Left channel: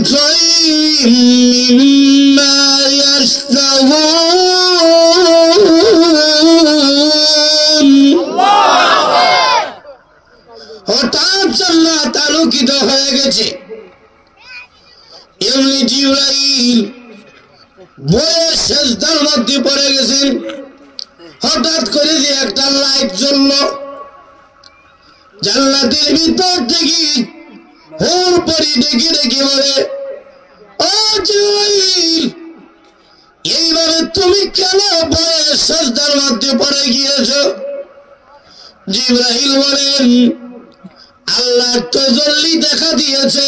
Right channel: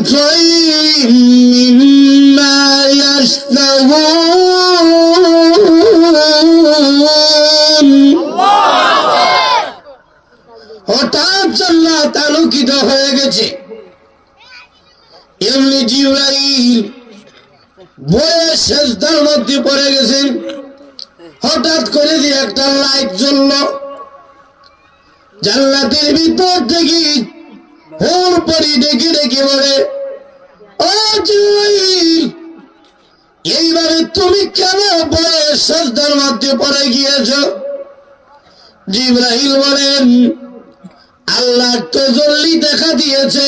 بشيء مما يشتهون হঠাৎ জান্নাত আলোকিত হয়ে গেছে এমনি জিবরাইল বয়ে সেজদার মধ্যে পড়ে গেছেন হঠাৎ করে যে একটা লাইট জ্বলল জান্নাতের ভিতর থেকে হুর পরি ডেকে ডেকে বলে ও জিবরাইল এইভাবে তুমি কেন বয়ে সেজদার মধ্যে পড়ে গিয়েছ জিবরাইল বলেন আল্লাহ তাআলা দেখা দিয়েছে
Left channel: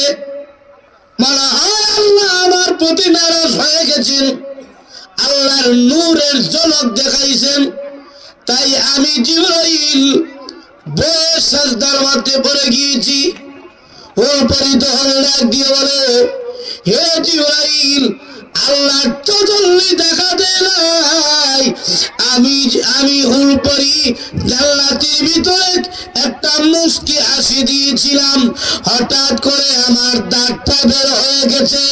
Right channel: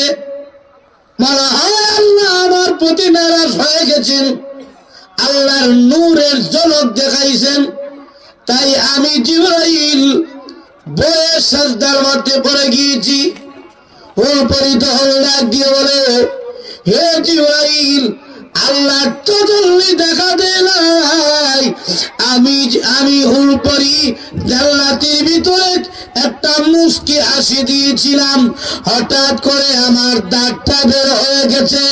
মনে হয় আল্লাহ আমার প্রতি নারাজ হয়ে গেছেন আল্লাহর নূরের ঝলক দেখাইছেন তাই আমি জিবরাইল বয়ে সেজদার মধ্যে পড়ে গিয়েছি ওর পরে তখন ডাক দিয়ে বলে হে জিবরাইল আল্লাহ তাআলা দেখা দেয় নাই আমি হুল পরি জান্নাতের ভিতরে একটা মুস্কি হাসি দিয়েছিলাম হঠাৎ করে আমার দাঁতটা বের হয়ে গেছে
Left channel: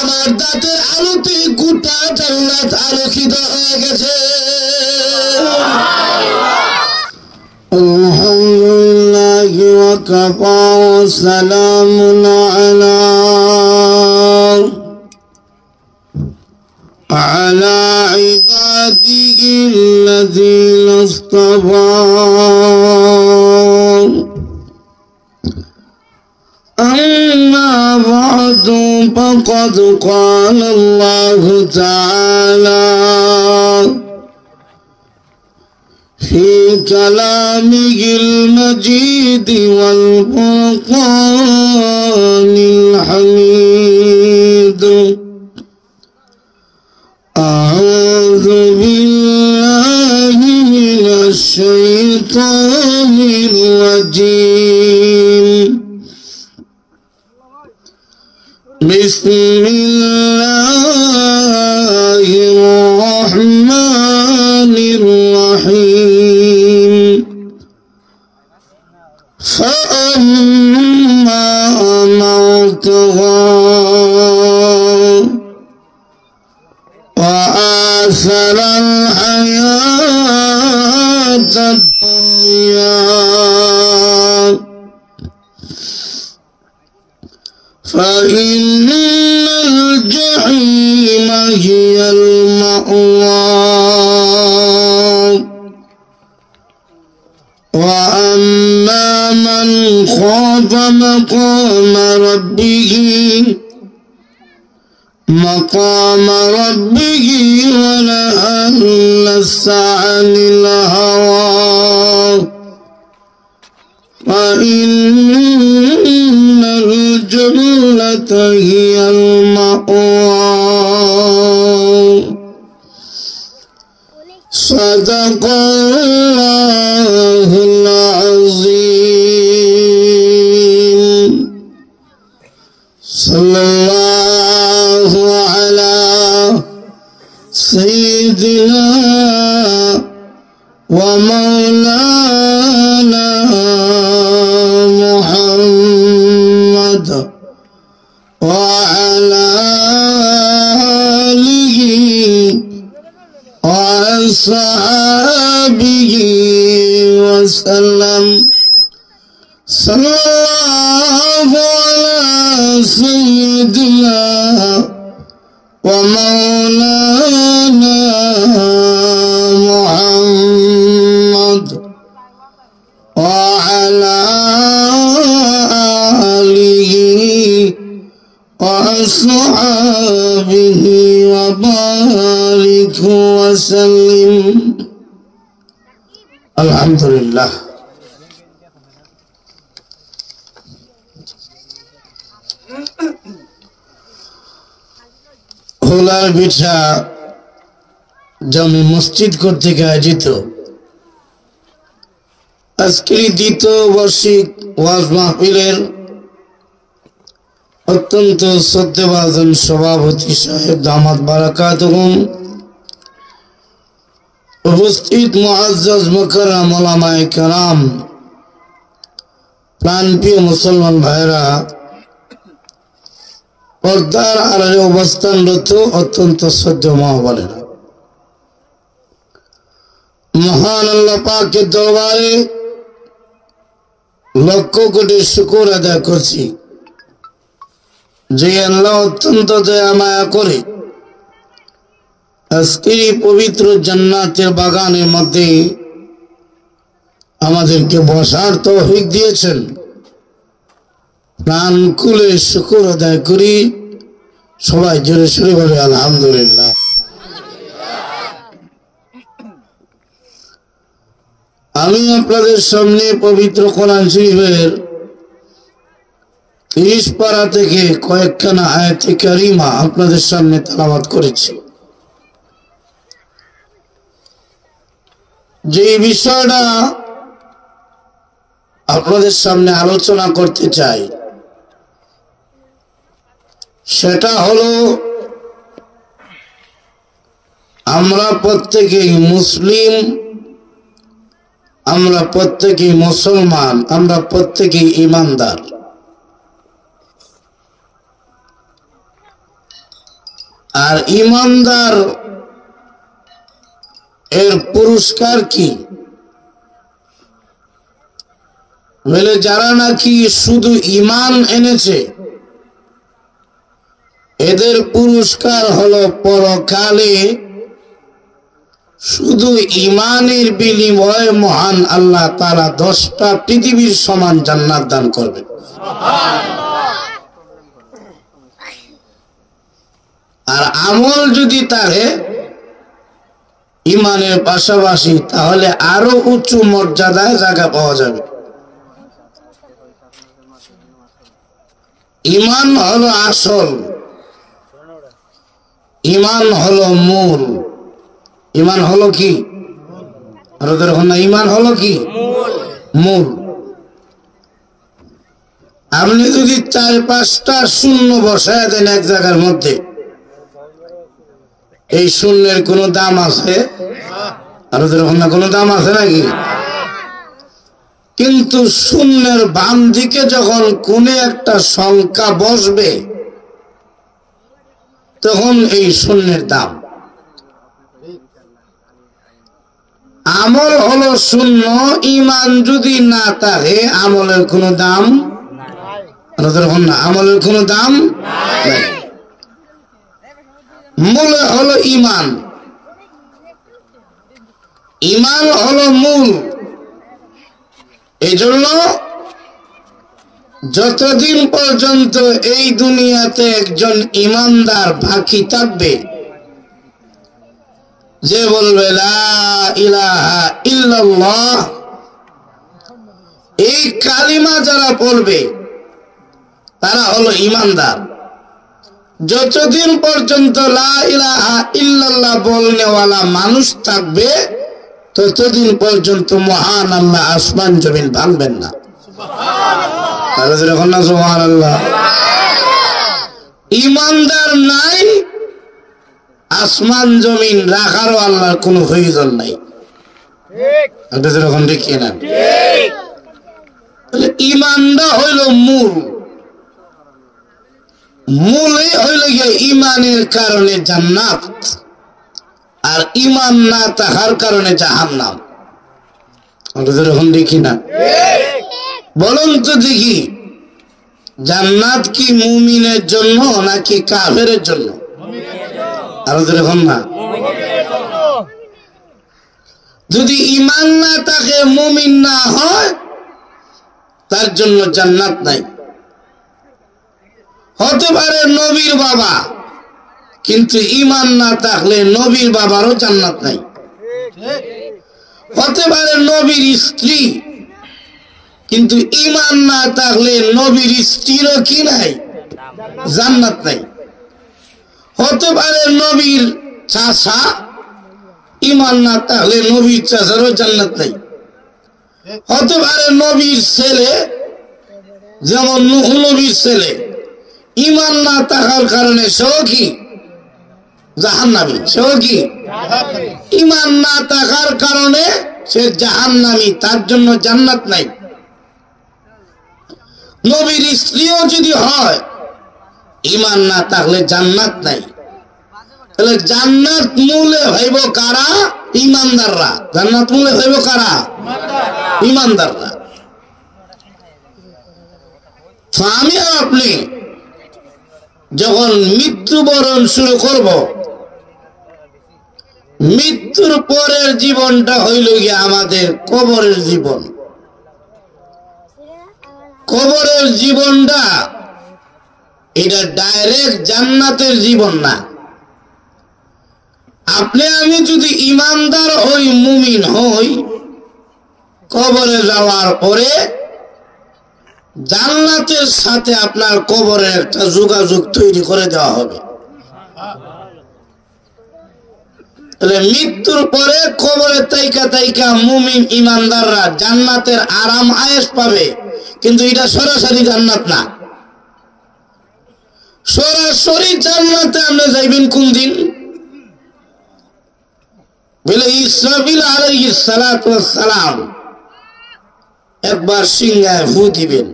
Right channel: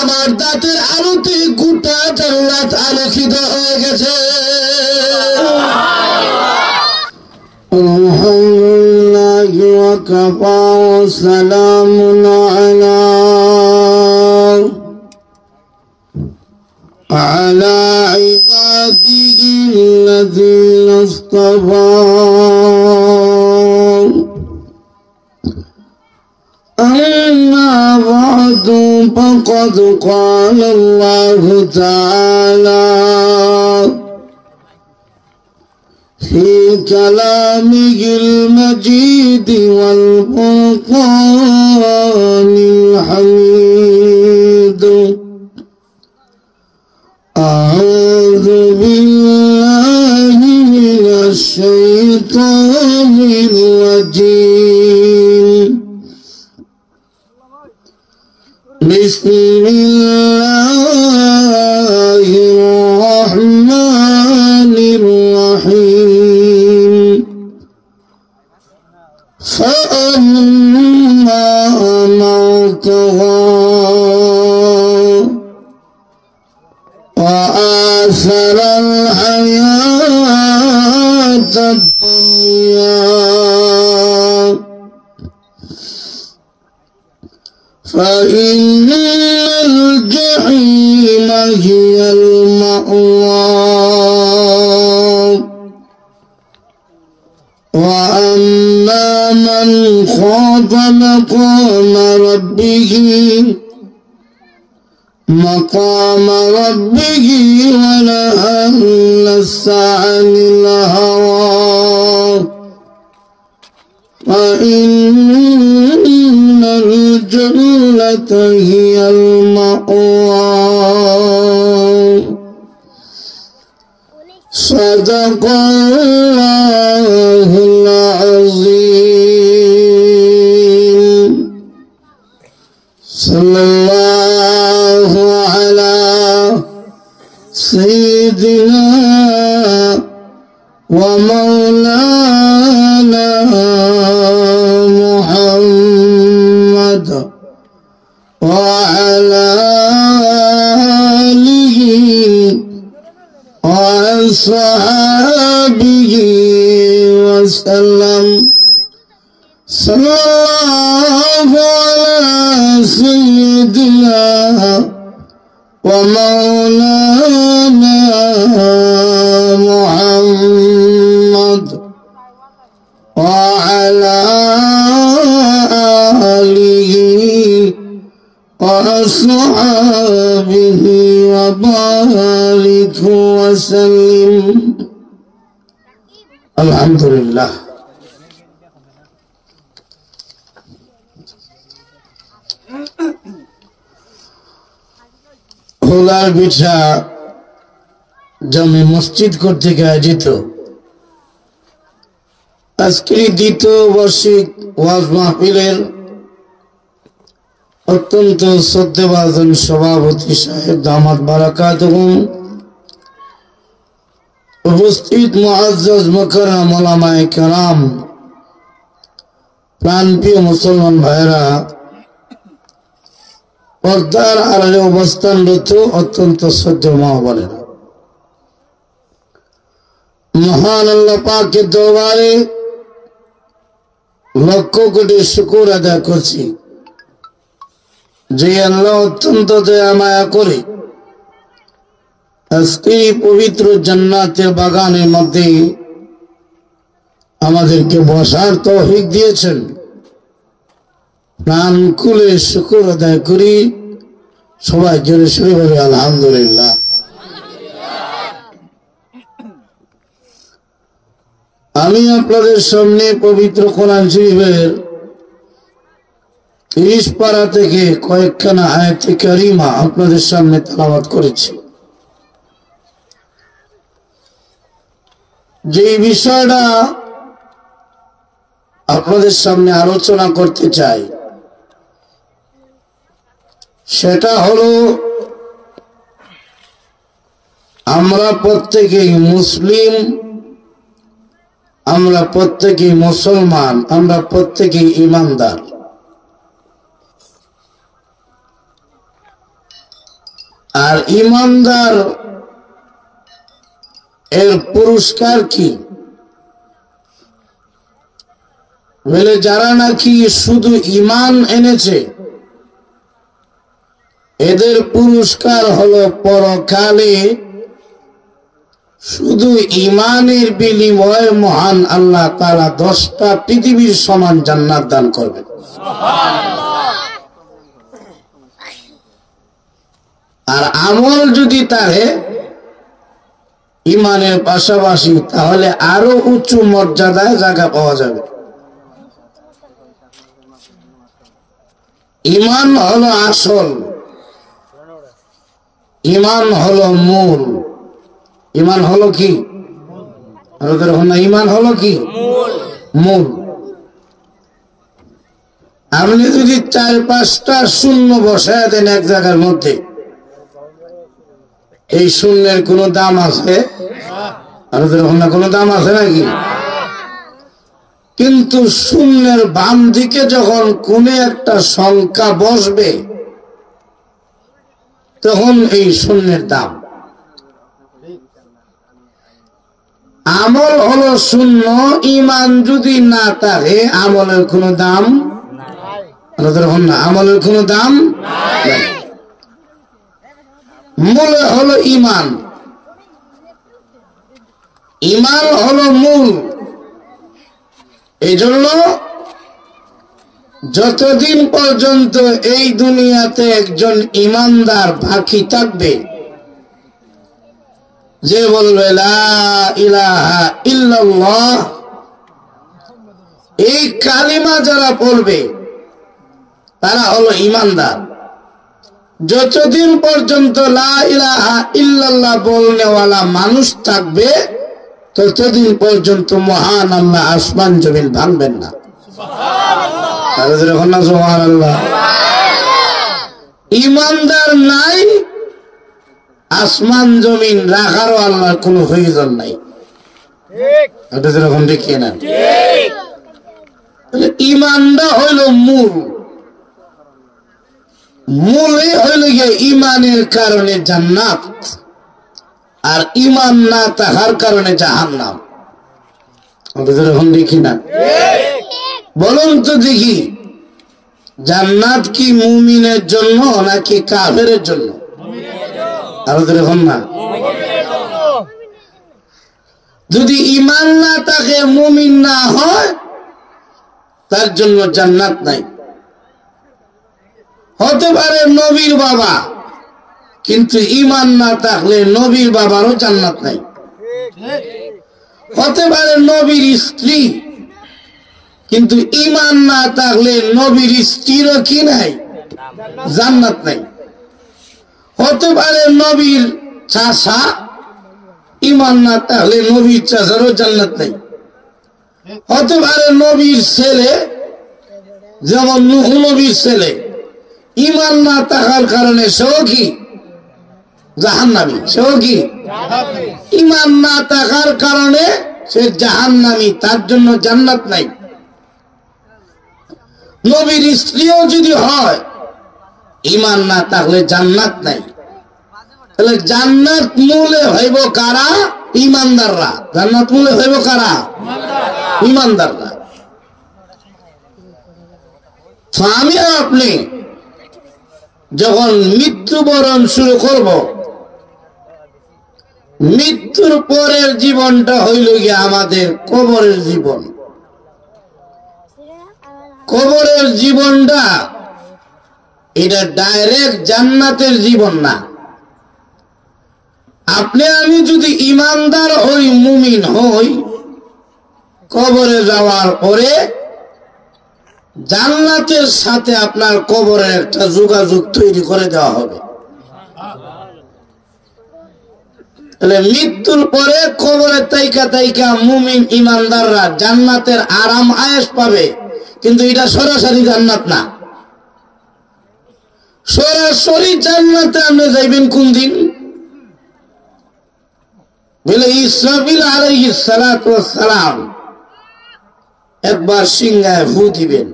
আমার দাঁতের আলোতে গোটা জান্নাত আলোকিত হয়ে গেছে আলহামদুলিল্লাহ ওয়া কাফা সালামুন على عباده الذين اصطفى أما بعد فقد قال الله تعالى في كلامه المجيد والفرقان الحميد أعوذ بالله من الشيطان الرجيم بسم الله الرحمن الرحيم فأما من طغى وآثر الحياة الدنيا فإن الجحيم هي المأوى وأما من خاف مقام ربه ونهى النفس عن الهوى فإن الجنة هي المأوى صدق الله العظيم صلى الله على سيدنا ومولانا محمد وعلى آله وأصحابه وسلم صلى الله على سيدنا ومولانا محمد وعلى آله وأصحابه وبارك وسلم الحمد لله হোলার পিঠা জামে মসজিদ কর্তৃক আয়োজিত আজকের দ্বিতীয় বার্ষিক ওয়াজ মাহফিলের অত্যন্ত শ্রদ্ধেভাজন সভাপতি সাহেব দামাত বারাকাতুহুম উপস্থিত মুআজ্জাজ মুকাররম উলামায়ে কেরাম প্রাণপ্রিয় মুসলমান ভাইরা পর্দার আড়ালে অবস্থানরত অত্যন্ত শ্রদ্ধেয় মা বোনেরা, মহান আল্লাহ পাকের দরবারে লক্ষ কোটি শুকর আদায় করছি যে আল্লাহ অত্যন্ত দয়া মায়া করে আজকে পবিত্র জান্নাতের বাগানের মধ্যে আমাদেরকে বসার তৌফিক দিয়েছেন। প্রাণ খুলে শুকর আদায় করি, সবাই জোরে সোরে বলে আলহামদুলিল্লাহ। আমি আপনাদের সামনে পবিত্র কোরআন শরীফের 30 পারা থেকে কয়েকখানা আয়াতে কারিমা আপনাদের সামনে তেলাওয়াত করেছি। যে বিষয়টা আপনাদের সামনে আলোচনা করতে চাই সেটা হলো, আমরা প্রত্যেকেই মুসলিম, আমরা প্রত্যেকেই মুসলমান, আমরা প্রত্যেকেই ঈমানদার। আর ঈমানদার এর পুরস্কার কি? বলে যারা নাকি শুধু ঈমান এনেছে এদের পুরস্কার হলো পরকালে শুধু ঈমানের বিনিময়ে মহান আল্লাহ তাআলা 10টা পৃথিবীর সমান জান্নাত দান করবেন। আর আমল যদি থাকে ঈমানের পাশাপাশি, তাহলে আরো উচ্চ মর্যাদায় জায়গা পাওয়া যাবে। ঈমান হলো আসল, ঈমান হলো মূল। ঈমান হলো কি? ঈমান হলো কি? মূল। আপনি যদি 4-5টা শূন্য বসায় দেন এক জায়গার মধ্যে, এই শূন্যের কোন দাম আছে? কোন দাম আছে নাকি? কিন্তু শূন্যের বাম দিকে যখন কোন একটা সংখ্যা বসবে তখন এই শূন্যের দাম। আমল হলো শূন্য, ঈমান যদি না থাকে আমলের কোন দাম না, আমলের কোন দাম নাই। মূল হলো ঈমান, ঈমান হলো মূল। এই জন্য যতদিন পর্যন্ত এই দুনিয়াতে একজন ঈমানদার বাকি থাকবে, যে বলবে লা ইলাহা ইল্লাল্লাহ, এই কালিমা যারা বলবে তারা হলো ঈমানদার। যতদিন পর্যন্ত লা ইলাহা ইল্লাল্লাহ বলনেওয়ালা মানুষ থাকবে ততদিন পর্যন্ত মহান আল্লাহ আসমান জমিন ভাঙবেন না। সুবহানাল্লাহ। ঈমানদার নাই, আসমান জমিন রাখারও আল্লাহর কোন প্রয়োজন নাই। ঠিক না? ঈমানটা হইল মূল, মূলে হইল গিয়ে ঈমানের কারণে জান্নাত, আর ঈমান না থাকার কারণে জাহান্নাম। দেখি না? বলুন তো দেখি, জান্নাত কি মুমিনের জন্য নাকি কাফেরের জন্য? আরো দেখুন না। যদি ঈমান না থাকে, মুমিন না হয়, তার জন্য জান্নাত নাই। হতে পারে নবীর বাবা, কিন্তু ঈমান না থাকলে নবীর বাবারও জান্নাত নাই। হতে পারে নবীর স্ত্রী, কিন্তু ঈমান না থাকলে নবীর স্ত্রীরও কি নাই? জান্নাত নাই। হতে পারে নবীর চাচা, ঈমান না থাকলে নবীর চাচারও জান্নাত নাই। হতে পারে নবীর ছেলে, যেমন নূহ নবীর ছেলে, ঈমান না থাকার কারণে সেও কি জাহান্নামী, সেও কি ঈমান না থাকার কারণে সে জাহান্নামী, তার জন্য জান্নাত নাই। নবীর স্ত্রীও যদি হয় ইমান না থাকলে জান্নাত নাই। তাহলে জান্নাত মূলে হইব কারা? ইমানদাররা। জান্নাত মূলে হইব কারা? ইমানদাররা। আমি আর আপনি যখন মৃত্যুবরণ শুরু করব, মৃত্যুর পরের জীবনটা হইল গিয়ে আমাদের কবরের জীবন। কবরের জীবনটা এটা ডাইরেক্ট জান্নাতের জীবন না। আপনি আমি যদি ইমানদার হই, মুমিন হই, কবরে যাওয়ার পরে জান্নাতের সাথে আপনার কবরের একটা যোগাযোগ তৈরি করে দেওয়া হবে। তাহলে মৃত্যুর পরে কবরে তাইকা তাইকা মুমিন ইমানদাররা জান্নাতের আরাম আয়েশ পাবে, কিন্তু এটা সরাসরি জান্নাত না। সরাসরি জান্নাতে আপনি যাইবেন কোন দিন? বলে ইসরাফিল আলাইহিস সালাতু ওয়াস সালাম একবার সিংহায় ফু দিবেন।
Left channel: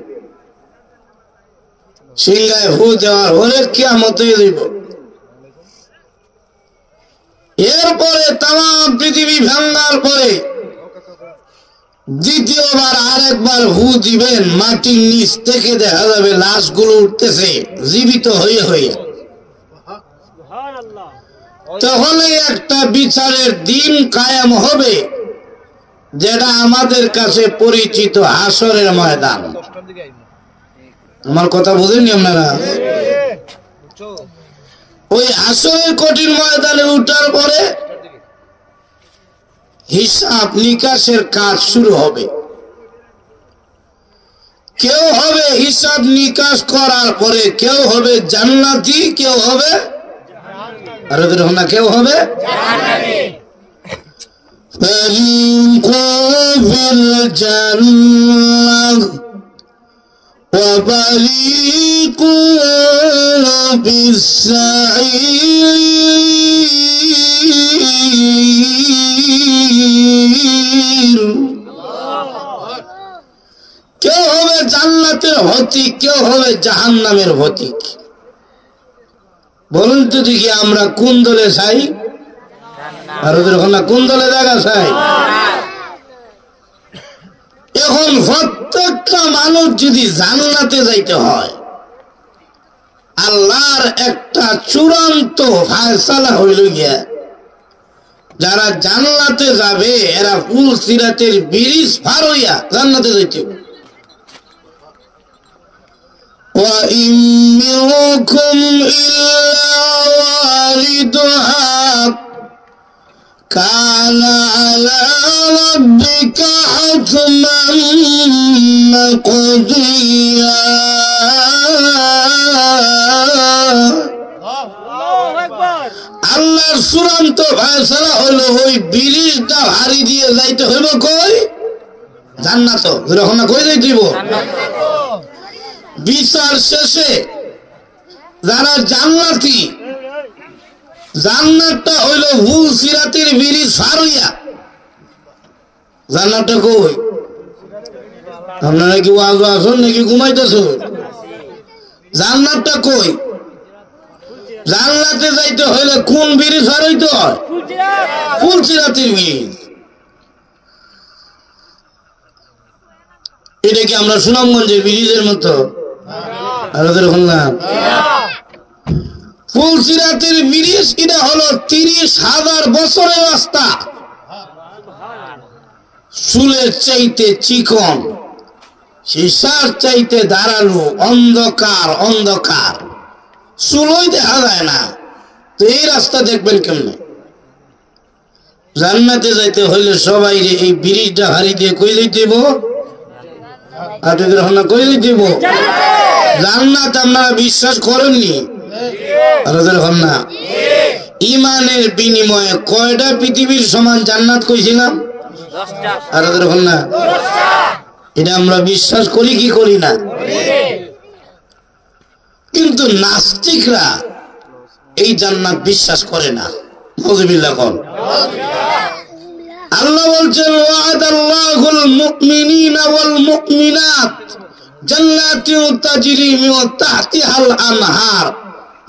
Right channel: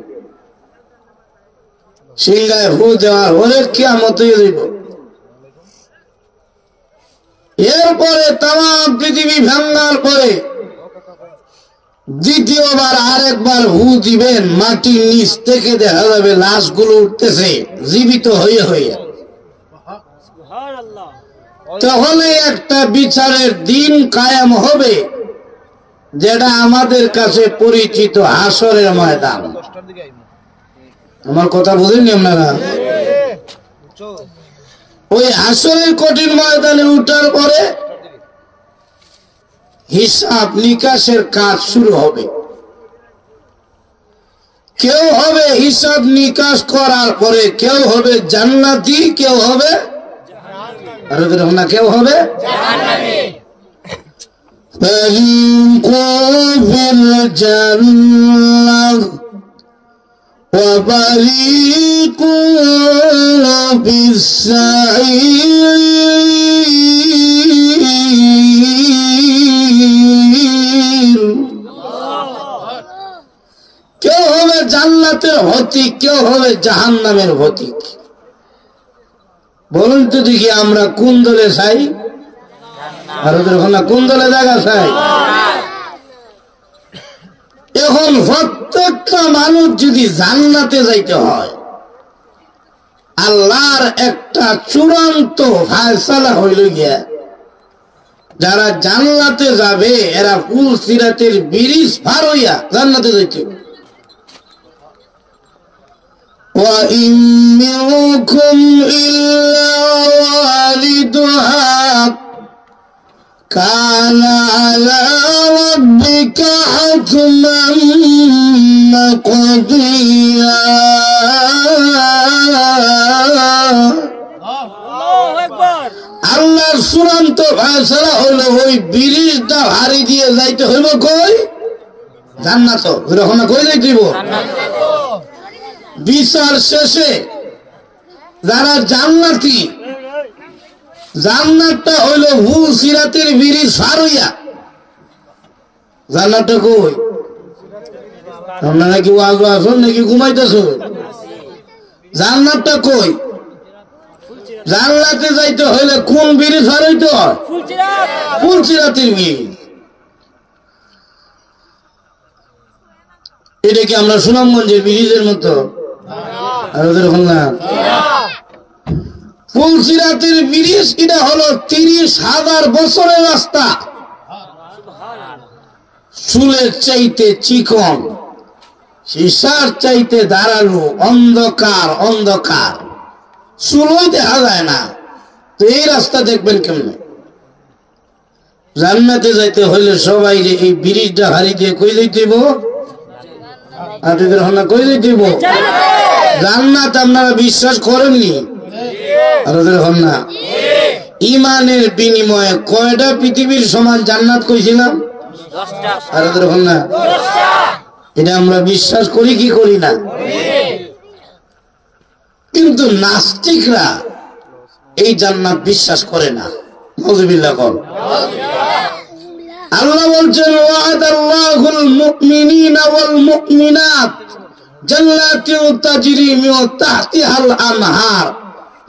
সিংহায় ফু দেওয়ার পরে কিয়ামত হয়ে যাইব। এরপরে তামাম পৃথিবী ভাঙার পরে দ্বিতীয়বার আরেকবার ফু দিবেন। মাটির নিচ থেকে দেখা যাবে লাশগুলো উঠতেছে জীবিত হয়ে হয়ে। তখন একটা বিচারের দিন কায়েম হবে, যেটা আমাদের কাছে পরিচিত হাসরের ময়দান। আমার কথা বুঝেননি আপনারা? ওই হাসরের কঠিন ময়দানে উঠার পরে হিসাব নিকাশের কাজ শুরু হবে। কেউ হবে হিসাব নিকাশ করার পরে কেউ হবে জান্নাতি, কেউ হবে আর না কেউ হবে وفريق في السعير। কেউ হবে জান্নাতের হতিক, কেউ হবে জাহান্নামের হতিক। বলুন তো দেখি আমরা কোন দলে চাই? আর ওদের কোন দলে জায়গা চাই? এখন প্রত্যেকটা মানুষ যদি জান্নাতে যাইতে হয়, আল্লাহর একটা চূড়ান্ত ফায়সালা হইল গিয়া যারা জান্নাতে যাবে এরা ফুল সিরাতের ব্রিজ পার হইয়া জান্নাতে যাইতে। وَإِن مِّنكُمْ إِلَّا وَارِدُهَا كَانَ عَلَى رَبِّكَ حَتْمًا مَّقْضِيًّا। আল্লাহর চূড়ান্ত ফায়সালা হলো ওই ব্রিজটা হারি দিয়ে যাইতে হইব কই? জান্নাত। ওরকম কই যাইতেইব? বিচার শেষে যারা জান্নাতি, জান্নাতটা হইল ভুল সিরাতের ব্রিজ পার হইয়া। জান্নাতটা কই? আপনারা কি ওয়াজ আসুন নাকি ঘুমাইতেছেন? জান্নাতটা কই? জান্নাতে যাইতে হইলে কোন ব্রিজ পার হইতে হয়? ফুল সিরাতের ব্রিজ। এটা কি আমরা সুনামগঞ্জের ব্রিজের মতো? আর ওদের বললাম ফুল সিরাতের ব্রিজ এটা হলো 30,000 বছরের রাস্তা। চুলের চাইতে চিকন, সীসার চাইতে ধারালো, অন্ধকার অন্ধকার, চুলও দেখা যায় না। তো এই রাস্তা দেখবেন কেমনে? জান্নাতে যাইতে হইলে সবাই এই ব্রিজটা হারি দিয়ে কই যাইতেব? আপনাদের আমরা কই যাইতেব? জান্নাত আপনারা বিশ্বাস করেননি? না। ইমানের বিনিময়ে কয়টা পৃথিবীর সমান জান্নাত কইছিলাম? না। এটা আমরা বিশ্বাস করি কি করি না? কিন্তু নাস্তিকরা এই জান্নাত বিশ্বাস করে না। নাউযুবিল্লাহ কর। আল্লাহ বলছেন ওয়াদাল্লাহুল মুমিনিনা ওয়াল মুমিনাত জান্নাতিন তাজরি মিন তাহতিহাল আনহার,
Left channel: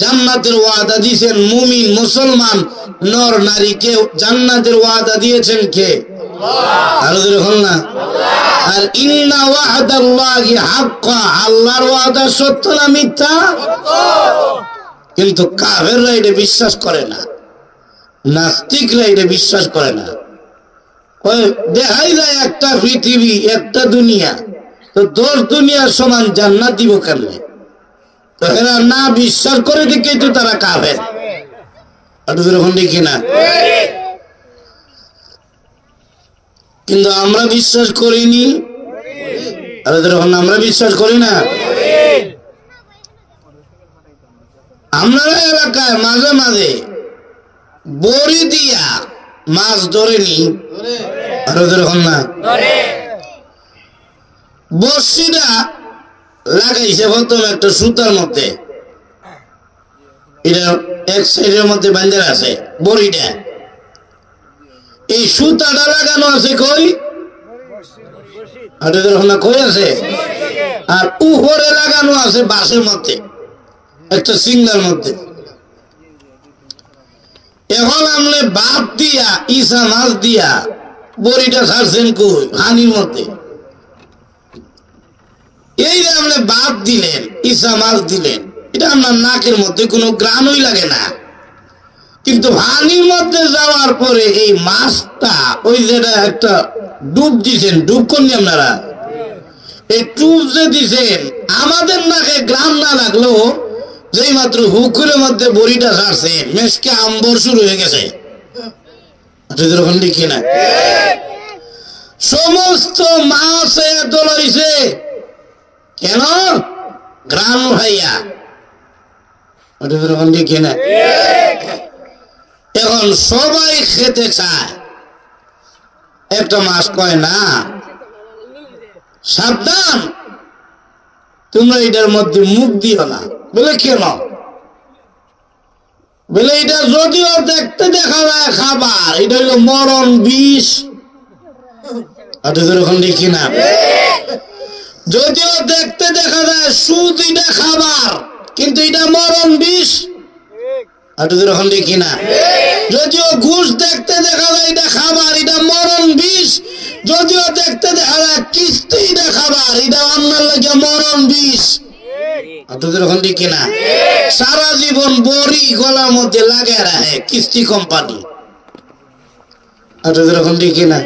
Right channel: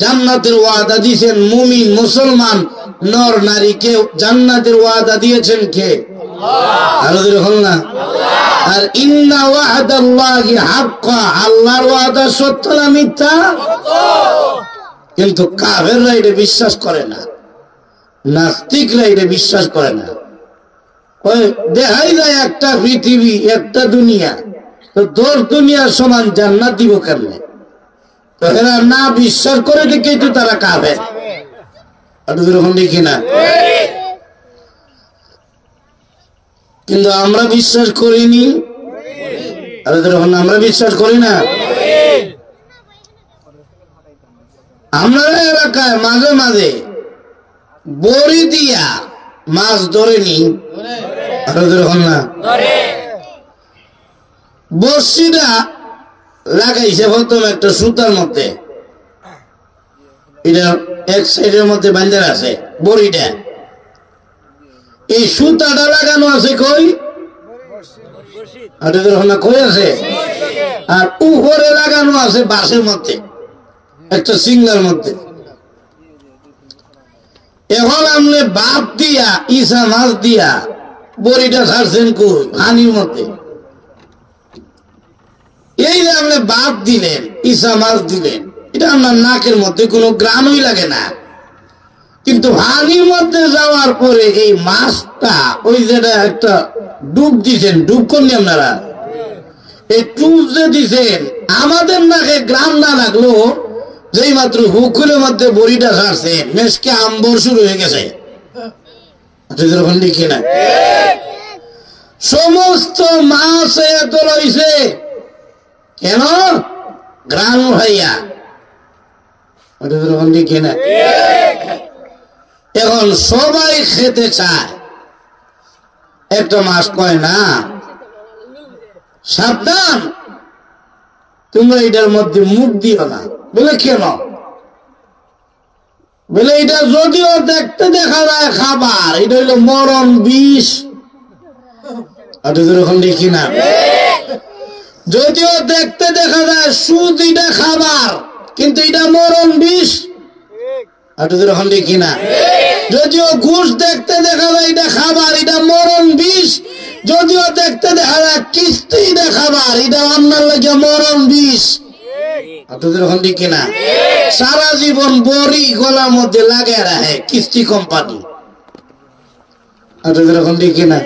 জান্নাতের ওয়াদা দিয়েছেন মুমিন মুসলমান নর নারীকে জান্নাতের ওয়াদা দিয়েছেন কে? আল্লাহ। আর ইন্না ওয়াদাল্লাহি হাক্কা, আল্লাহর ওয়াদা সত্য না মিথ্যা? কিন্তু কাফেররা এটা বিশ্বাস করে না, নাস্তিকরা এটা বিশ্বাস করে না। দেখাই যায় একটা পৃথিবী একটা দুনিয়া, তো 10 দুনিয়ার সমান জান্নাত দিব কেন? তো এরা না বিশ্বাস করে দেখে তো তারা কাফের। দেখি না, কিন্তু আমরা বিশ্বাস করিনি। আমরা বিশ্বাস করি না। আমরা এলাকায় মাঝে মাঝে বড়ি দিয়া মাছ ধরেনি, না বসিটা লাগাইছে প্রথম একটা সুতার মধ্যে, এটা এক সাইডের মধ্যে বাঁধে আছে বড়িটা। এই সুতাটা লাগানো আছে কই? কই আছে? আর উপরে লাগানো আছে বাঁশের মধ্যে, একটা সিঙ্গার মধ্যে। এখন আপনি বাদ দিয়া ইসা মাছ দিয়া বড়িটা ছাড়ছেন কই? হানির মধ্যে। এই যে আপনি বাদ দিলেন, ইসা মাছ দিলেন, এটা আপনার নাকের মধ্যে কোনো গ্রামই লাগে না। কিন্তু হানির মধ্যে যাওয়ার পরে এই মাছটা ওই যেটা একটা ডুব দিছেন, ডুব করলেন আপনারা, এই ডুব যে দিছেন আমাদের নাকে গ্রাম না লাগলেও যেই মাত্র হুকুরের মধ্যে বড়িটা ছাড়ছে মেশকে আম্বর শুরু হয়ে গেছে। লিখি না, সমস্ত মাছ দলাইছে কেন? গ্রাম ভাইয়া। লিখি না, এখন সবাই খেতে চায়, একটা মাছ কয় না সাবধান তোমরা এটার মধ্যে মুখ দিও না। বলে কেন? বলে এটা যদিও দেখতে দেখা যায় খাবার, এটা হইল মরণ বিষ। দেখি না, যদিও দেখতে দেখা যায় সুদ, এটা খাবার, কিন্তু এটা মরণ বিষ। দেখি না, যদিও ঘুষ দেখতে দেখা যায় এটা খাবার, এটা মরণ বিষ। যদিও দেখতে দেখা যায় কিস্তি, এটা খাবার, এটা অন্যার লাগে মরণ বিষ। দেখি না, সারা জীবন বড়ি গলার মধ্যে লাগে রাখে কিস্তি কোম্পানি। দেখি না,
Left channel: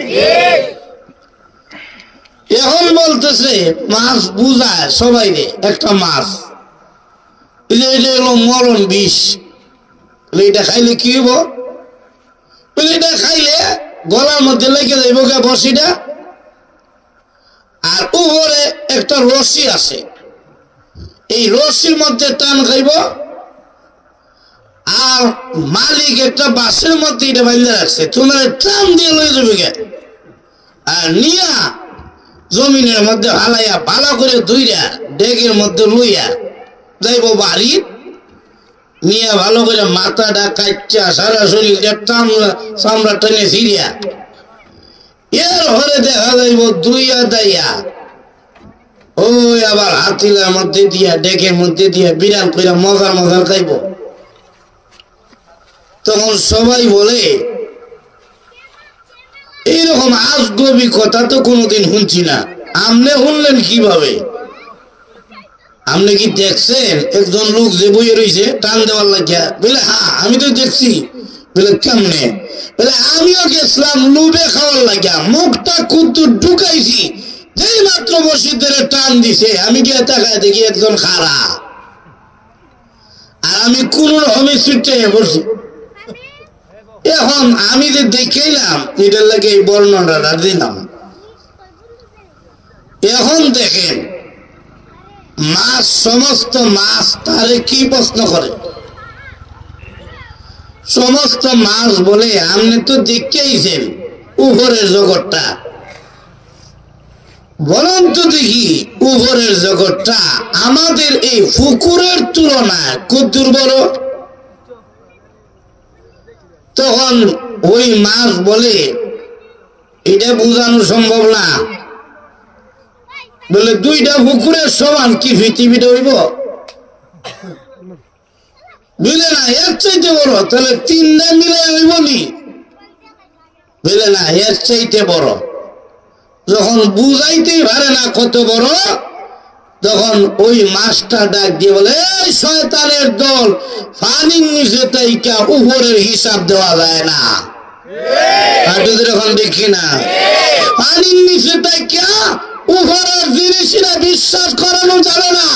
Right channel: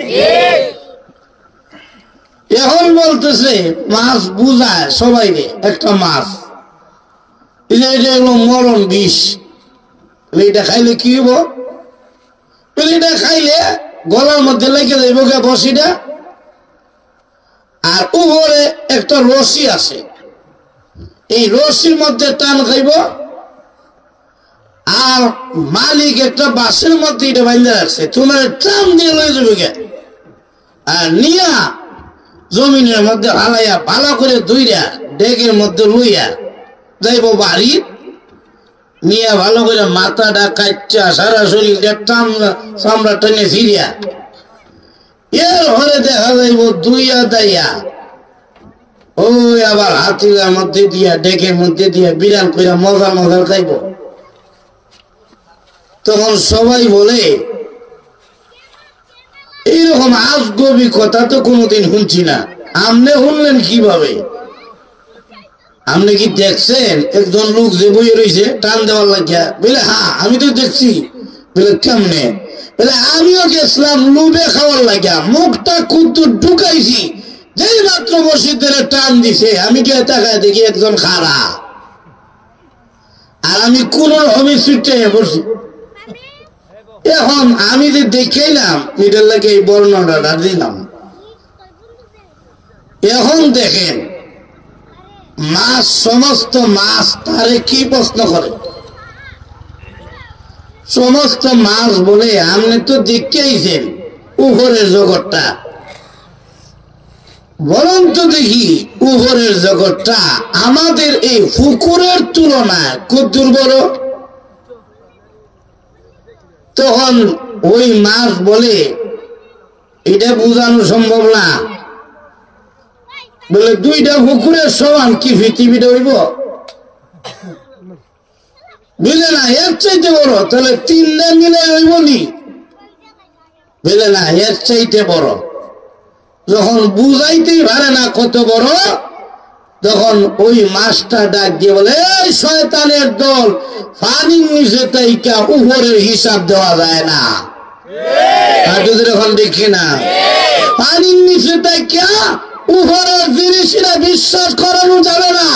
এখন বলতেছে মাছ বুঝায় সবাই রে একটা মাছ, এটা হলো মরণ বিষ। এটা খাইলে কি হইব? এটা খাইলে গলার মধ্যে লেগে যাইব বসিটা, আর উপরে একটা রশি আছে, এই রশির মধ্যে টান খাইব, আর মালিক একটা বাসের মধ্যে এটা বাঁধা রাখছে, তোমার টান দিয়ে লয়ে যাবে গে, আর নিয়া জমিনের মধ্যে হালাইয়া ভালো করে ধুইয়া ডেকের মধ্যে লইয়া যাইব বাড়ি, নিয়ে ভালো করে মাথাটা কাচ্চা সারা শরীরটা টান চামড়া টেনে ফিরিয়া এর ঘরে দেখা যাইব দুইয়া দাইয়া ওই আবার হাতিলার মধ্যে দিয়া ডেকের মধ্যে দিয়া বিরান করে মজা মজা খাইব। তখন সবাই বলে এইরকম আজগবি কথা তো কোনোদিন শুনছি না, আপনি শুনলেন কিভাবে? আপনি কি দেখছেন একজন লোক যে বইয়ে রয়েছে টান দেওয়ার লাগিয়া? বলে হ্যাঁ আমি তো দেখছি। বলে কেমনে? বলে আমিও গেছিলাম লুবে খাওয়ার লাগিয়া, মুখটা কুদ্দুর ঢুকাইছি, যেই মাত্র মসজিদের টান দিছে আমি গিয়ে তাকায় দেখি একজন খাড়া, আর আমি কোন রকমের সিটে বসছি। এখন আমি যে দেখলাম এটার লাগে এই বর্ণনাটা দিলাম। এখন দেখেন মাছ, সমস্ত মাছ তারে কি প্রশ্ন করে? সমস্ত মাছ বলে আপনি তো দেখেইছেন উপরের জগৎটা, বরং তো দেখি উপরের জগৎটা আমাদের এই পুকুরের তুলনায় কদ্দুর বড়। তখন ওই মাছ বলে এটা বোঝানো সম্ভব না, বলে দুইটা পুকুরের সমান কি পৃথিবীটা হইব? বুঝলে না, এর চাইতে বড়। তাহলে তিনটা মিলে হইব নি? বুঝলে না, এর চাইতে বড়। যখন বুঝাইতেই পারে না কত বড়, তখন ওই মাছটা ডাক দিয়ে বলে, এই শয়তানের দল, পানির নিচে তাইকা উপরের হিসাব দেওয়া যায় না। এখন দেখি না, পানির নিচে তাইকা উপরের জিনিসরা বিশ্বাস করানো যাবে না।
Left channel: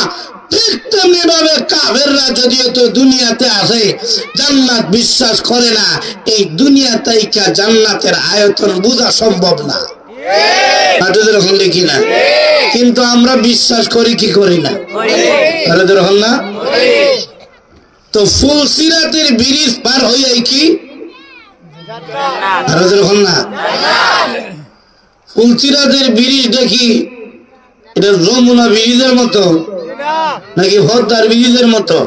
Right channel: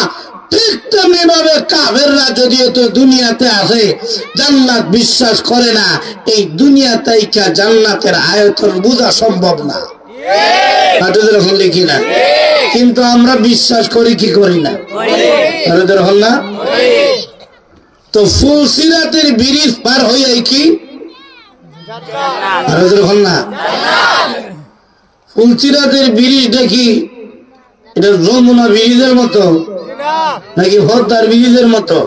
ঠিক তেমনি ভাবে কাফেররা যদিও তো দুনিয়াতে আছে, জান্নাত বিশ্বাস করে না। এই দুনিয়া তাইকা জান্নাতের আয়তন বোঝা সম্ভব না। এখন দেখি না, কিন্তু আমরা বিশ্বাস করি কি করি না? তাহলে ধরুন না, তো ফুলসিরাতের ব্রিজ পার হয়ে কি ধরুন না, ফুলসিরাতের ব্রিজ দেখি এটা যমুনা ব্রিজের মতো নাকি হদ্দার ব্রিজের মতো?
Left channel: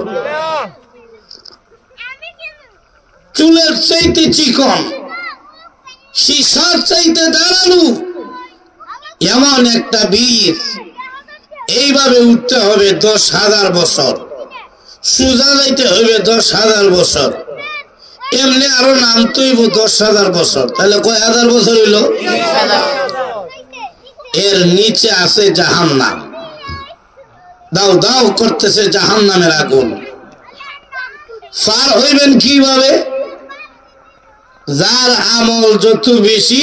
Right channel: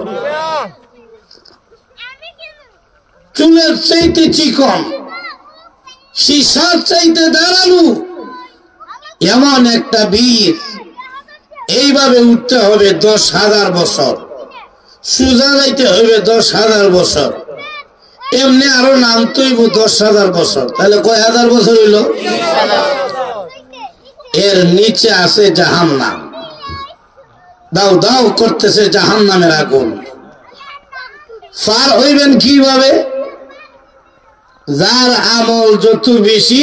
চুলের চাইতে চিকন, সীসার চাইতে দাঁড়ানো, এমন একটা ব্রিজ। এইভাবে উঠতে হবে 10,000 বছর, সোজা যাইতে হবে 10,000 বছর, এমনি আরো নামতে হইব 10,000 বছর। তাহলে কয় হাজার বছর হইল? এর নিচে আছে জাহান্নাম, দাও দাও করতেছে জাহান্নামের আগুন। পার হইবেন কিভাবে? যার আমল যত বেশি,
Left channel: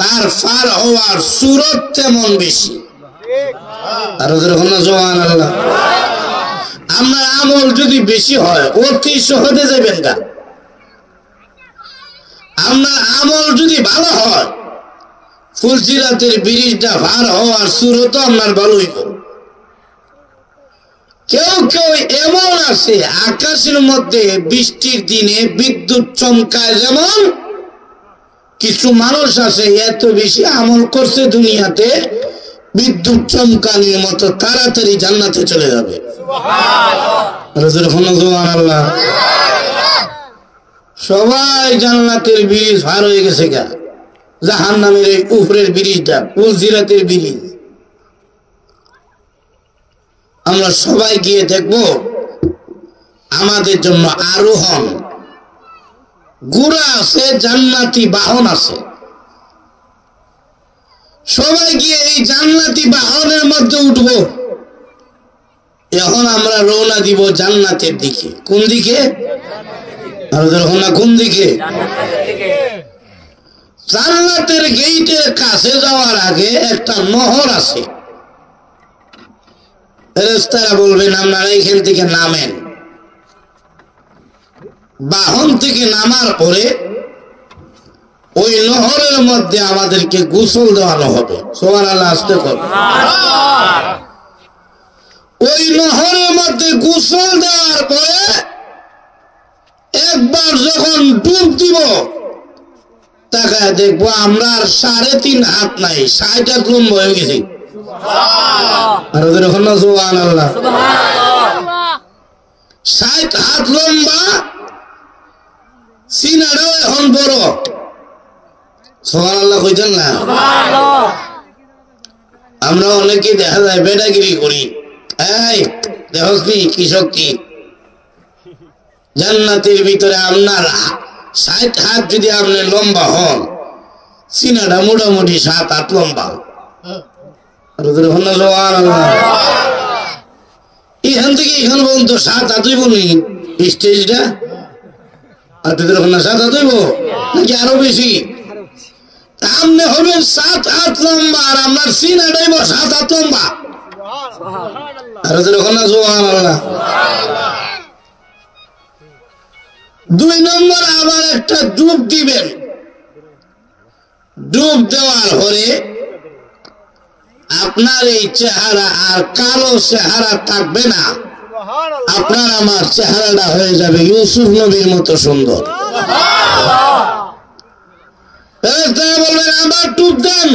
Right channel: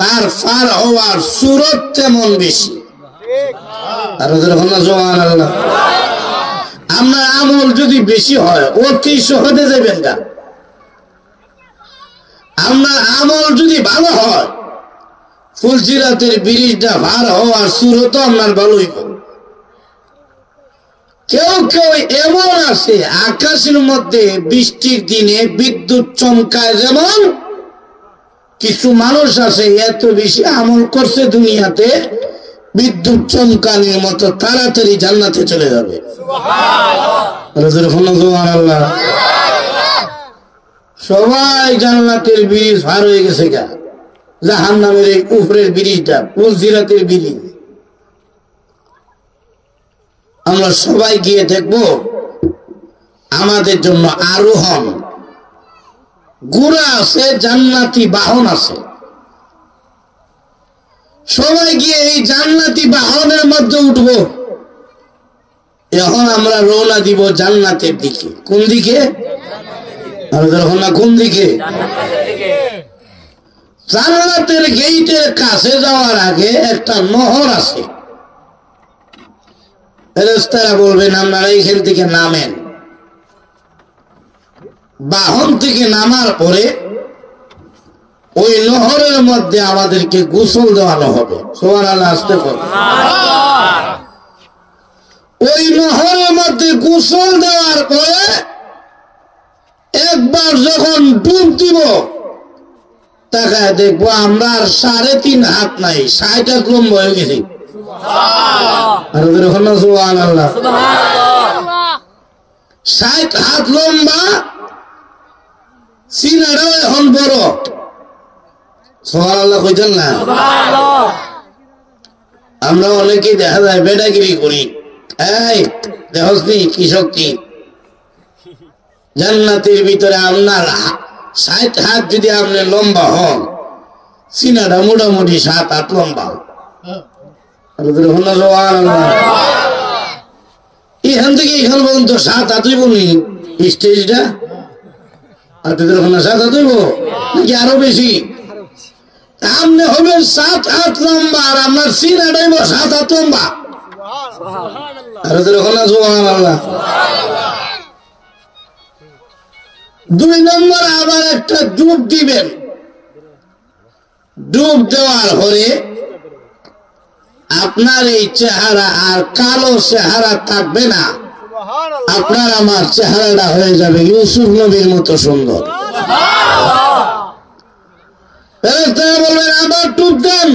তার পার হওয়ার সুরত তেমন বেশি। আমরা আমল যদি বেশি হয় ও কি সহজে যাবেন না? আপনার আমল যদি ভালো হয়, ফুলসিরাতের ব্রিজটা পার হওয়ার সুরত আপনার ভালো হইব। কেউ কেউ এমন আছে আকাশের মধ্যে বৃষ্টির দিনে বিদ্যুৎ চমকায়, যেমন কিছু মানুষ আছে এত বেশি আমল করছে দুনিয়াতে, বিদ্যুৎ চমকানির মতো তাড়াতাড়ি জান্নাতে চলে যাবে। সবাই জান্নাতের ব্রিজ পার হয়ে গেছে গা, জাহান্নামের এই উপরের ব্রিজটা ফুলসিরাতের ব্রিজ। আমরা সবাই গিয়ে দেখব, আমাদের জন্য আরোহণ ঘোড়া আছে, জান্নাতি বাহন আছে। সবাই গিয়ে এই জান্নাতি বাহনের মধ্যে উঠব। এখন আমরা রওনা দিব জান্নাতের দিকে। কোন দিকে? কোন দিকে? জান্নাতের গেইটের কাছে যাওয়ার আগে একটা নহর আছে। ফেরেশতারা বলবেন আপনারা এইখান থেকে নামেন। বাহন থেকে নামার পরে ওই নহরের মধ্যে আমাদেরকে গোসল দেওয়ানো হবে। সুবহানাল্লাহ, আসতে করে। ওই নহরের মধ্যে গোসল দেওয়ার পরে একবার যখন ডুব দিব, তাকায় দেখবো আমরা 3.5 হাত নাই, 60 হাত লম্বা হয়ে গেছি। 60 হাত লম্বা, সিনারও এখন বড়। সুবহানাল্লাহ কইতেন না? আমরা অনেকে দেখা যায় বেটাগিরি করি, এই দেখি কি শক্তি। জান্নাতের ভিতরে আপনার 60 হাত যদি আপনি লম্বা হন, সিনাটা মোটামুটি 7 হাত লম্বা। এখান থেকে এখান পর্যন্ত 7 হাত হইব নি স্টেজটা? আপনাদের 7 হাত হইব নাকি আরো বেশি? আপনি হবেন 7 হাত লম্বা, আর আপনার সিনাটাই 7 হাত লম্বা। দুই নম্বর আবার একটা ডুব দিবেন। ডুব দেওয়ার পরে আপনার এই চেহারা আর কালো চেহারা থাকবে না, আপনার আমার চেহারাটা হয়ে যাবে ইউসুফ নবীর মতো সুন্দর। বলবেন আবার ডুব দেন,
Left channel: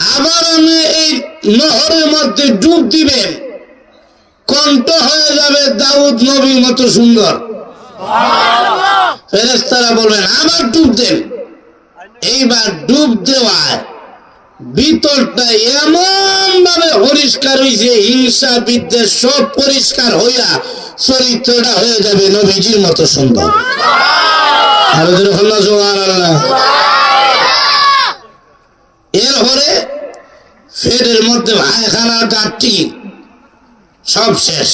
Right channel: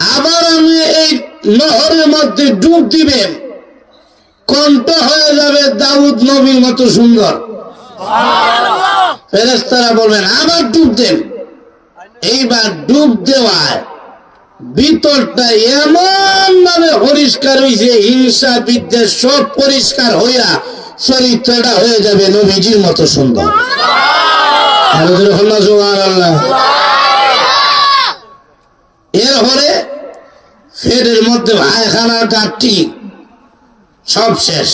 আবার আমি এই নহরের মধ্যে ডুব দিবেন, কণ্ঠ হয়ে যাবে দাউদ নবীর মতো সুন্দর। ফেরেশতারা বলবেন আবার ডুব দেন। এইবার ডুব দেওয়ায় ভিতরটা এমন ভাবে পরিষ্কার হয়েছে, হিংসা বিদ্বেষ সব পরিষ্কার হইয়া চরিত্রটা হয়ে যাবে নবীজির মতো সুন্দর। এরপরে পেটের মধ্যে ভাইখানা ডাকটি সব শেষ।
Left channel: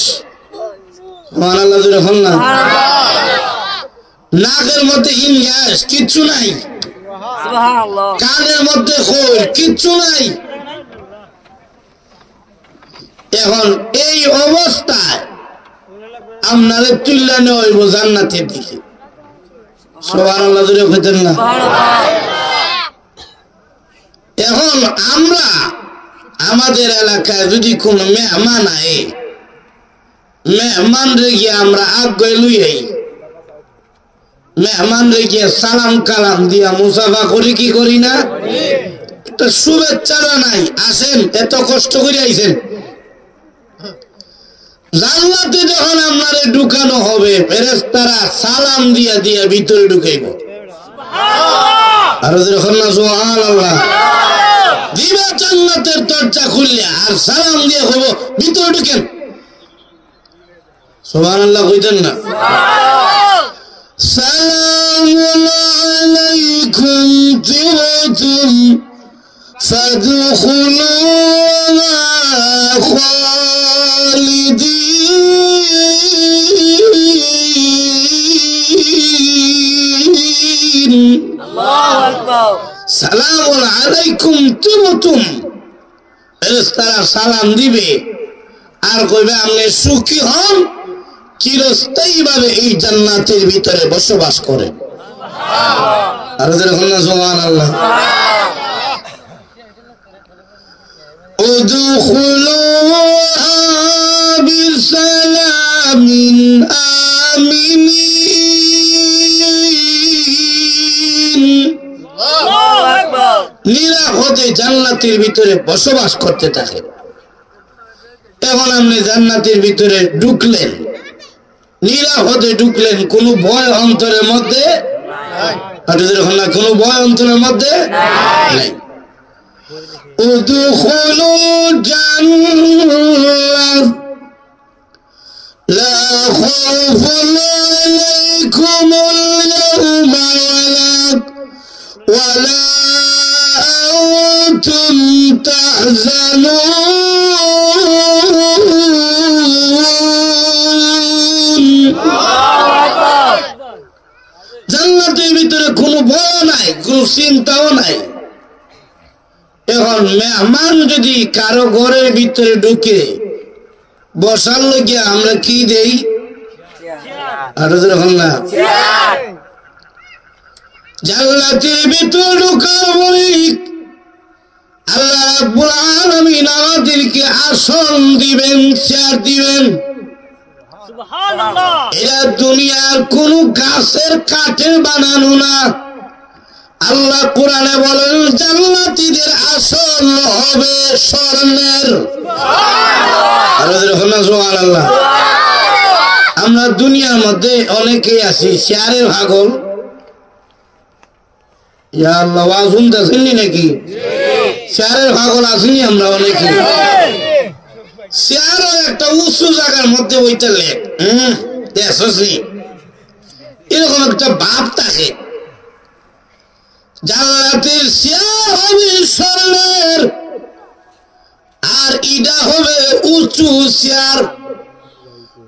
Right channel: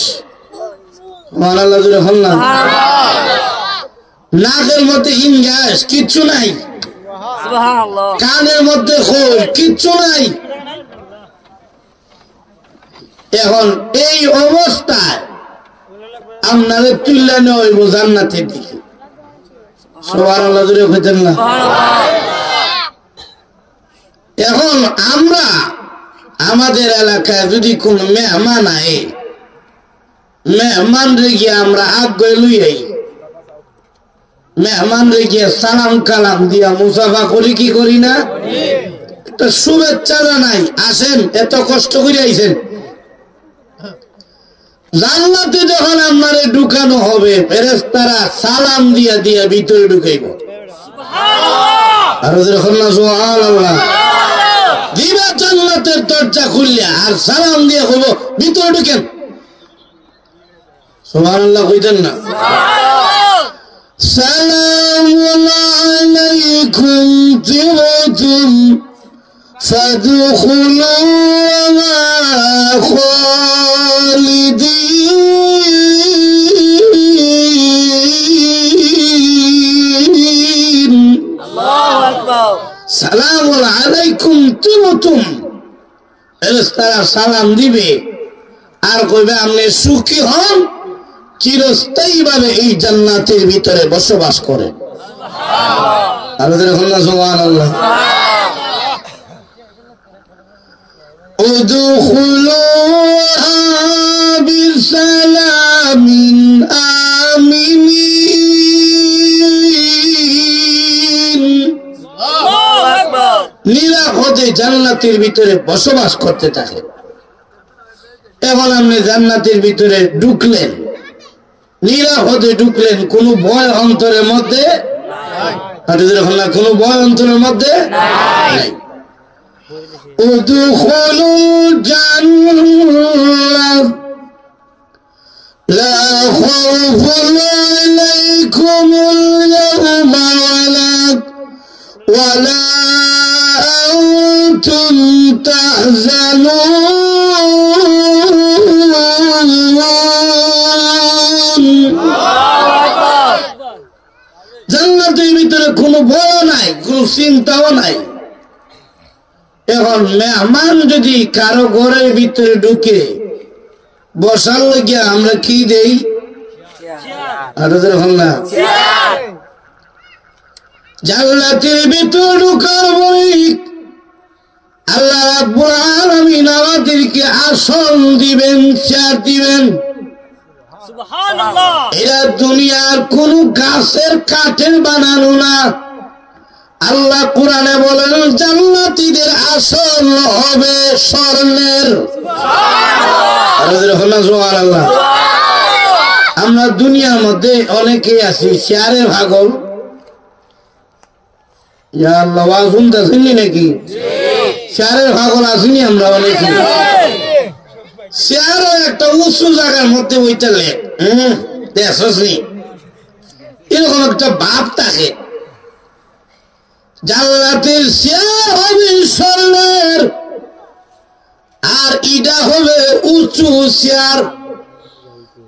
নাকের মধ্যে ইংগাস কিচ্ছু নাই, কানের মধ্যে খোল কিচ্ছু নাই। এখন এই অবস্থায় আপনারা তুলে নেওয়া হইব জান্নাতের দিকে। সুবহানাল্লাহ জোরে কইতেন না? এখন আমরা আমাদের এলাকায় যদি কোন মেহমান আয়, মেহমান রেখে আমরা আগে লুই, মেহমান রেখে সালাম কালাম দিয়া মুসাফা করি কি করি না? একটা শুভেচ্ছা জানাই, আসেন এত কষ্ট করে আইছেন। জান্নাতে যখন আপনারে ঢুকানো হবে, ফেরেশতারা সালাম দিয়া দিয়া ভিতরে ঢুকাইব। আর যখন না সুবহানাল্লাহ দিবা জান্নাতের দরজা খুললে আর সালাম দিয়ে কইব ভিতরে ঢুকেন। সুবহানাল্লাহ কইতেন না? সালামুন আলাইকুম তিবতুম ফাদখুলুহা খালিদিন। আল্লাহু আকবার। সালামুন আলাইকুম তিবতুম, ফেরেশতারা সালাম দিবে আর কইবে আপনি সুখী হন, চিরস্থায়ী ভাবে এই জান্নাতের ভিতরে বসবাস করেন। আর সুবহানাল্লাহ। উদখুলুহা বিসালামিন আমিনিন। নিরাপদে জান্নাতের ভিতরে বসবাস করতে থাকে। এখন আপনি জান্নাতের ভিতরে ঢুকলেন, নিরাপদে ঢুকলেন, কোন ভয় অন্তরের মধ্যে, কোন ভয় অন্তরের মধ্যে নাই। উদখুলুল জান্নাহ লা খাউফুন আলাইকুমুল ইয়াওমা ওয়ালা আনতুম তাহজানুন। জান্নাতের ভিতরে কোনো ভয় নাই, কোনো চিন্তাও নাই। এখন মেহমান যদি কারো ঘরের ভিতরে ঢুকে বসার লাগিয়া আমরা কি দেই? জান্নাতের ভিতর ঢুকার বলি আল্লাহ রাব্বুল আলামিন আমাদেরকে আসন দিবেন, চেয়ার দিবেন। এরা দুনিয়ার কোন গাছের কাঠের বানানো না। আল্লাহ কোরআনে বলেন জান্নাতীদের আসন হবে স্বর্ণের। আমরা দুনিয়ার মধ্যে অনেকেই আছি চেয়ারের পাগল। ইয়া আল্লাহ, ওয়াজ শুনতেছেন নাকি? চেয়ারের পাগল আসেনি আমরা অনেকে। চেয়ারও একটা উঁচু জায়গার মধ্যে বইতে এরকম একটা ভাব থাকে। জান্নাতের চেয়ার হবে স্বর্ণের, আর ইটা হবে উঁচু চেয়ার।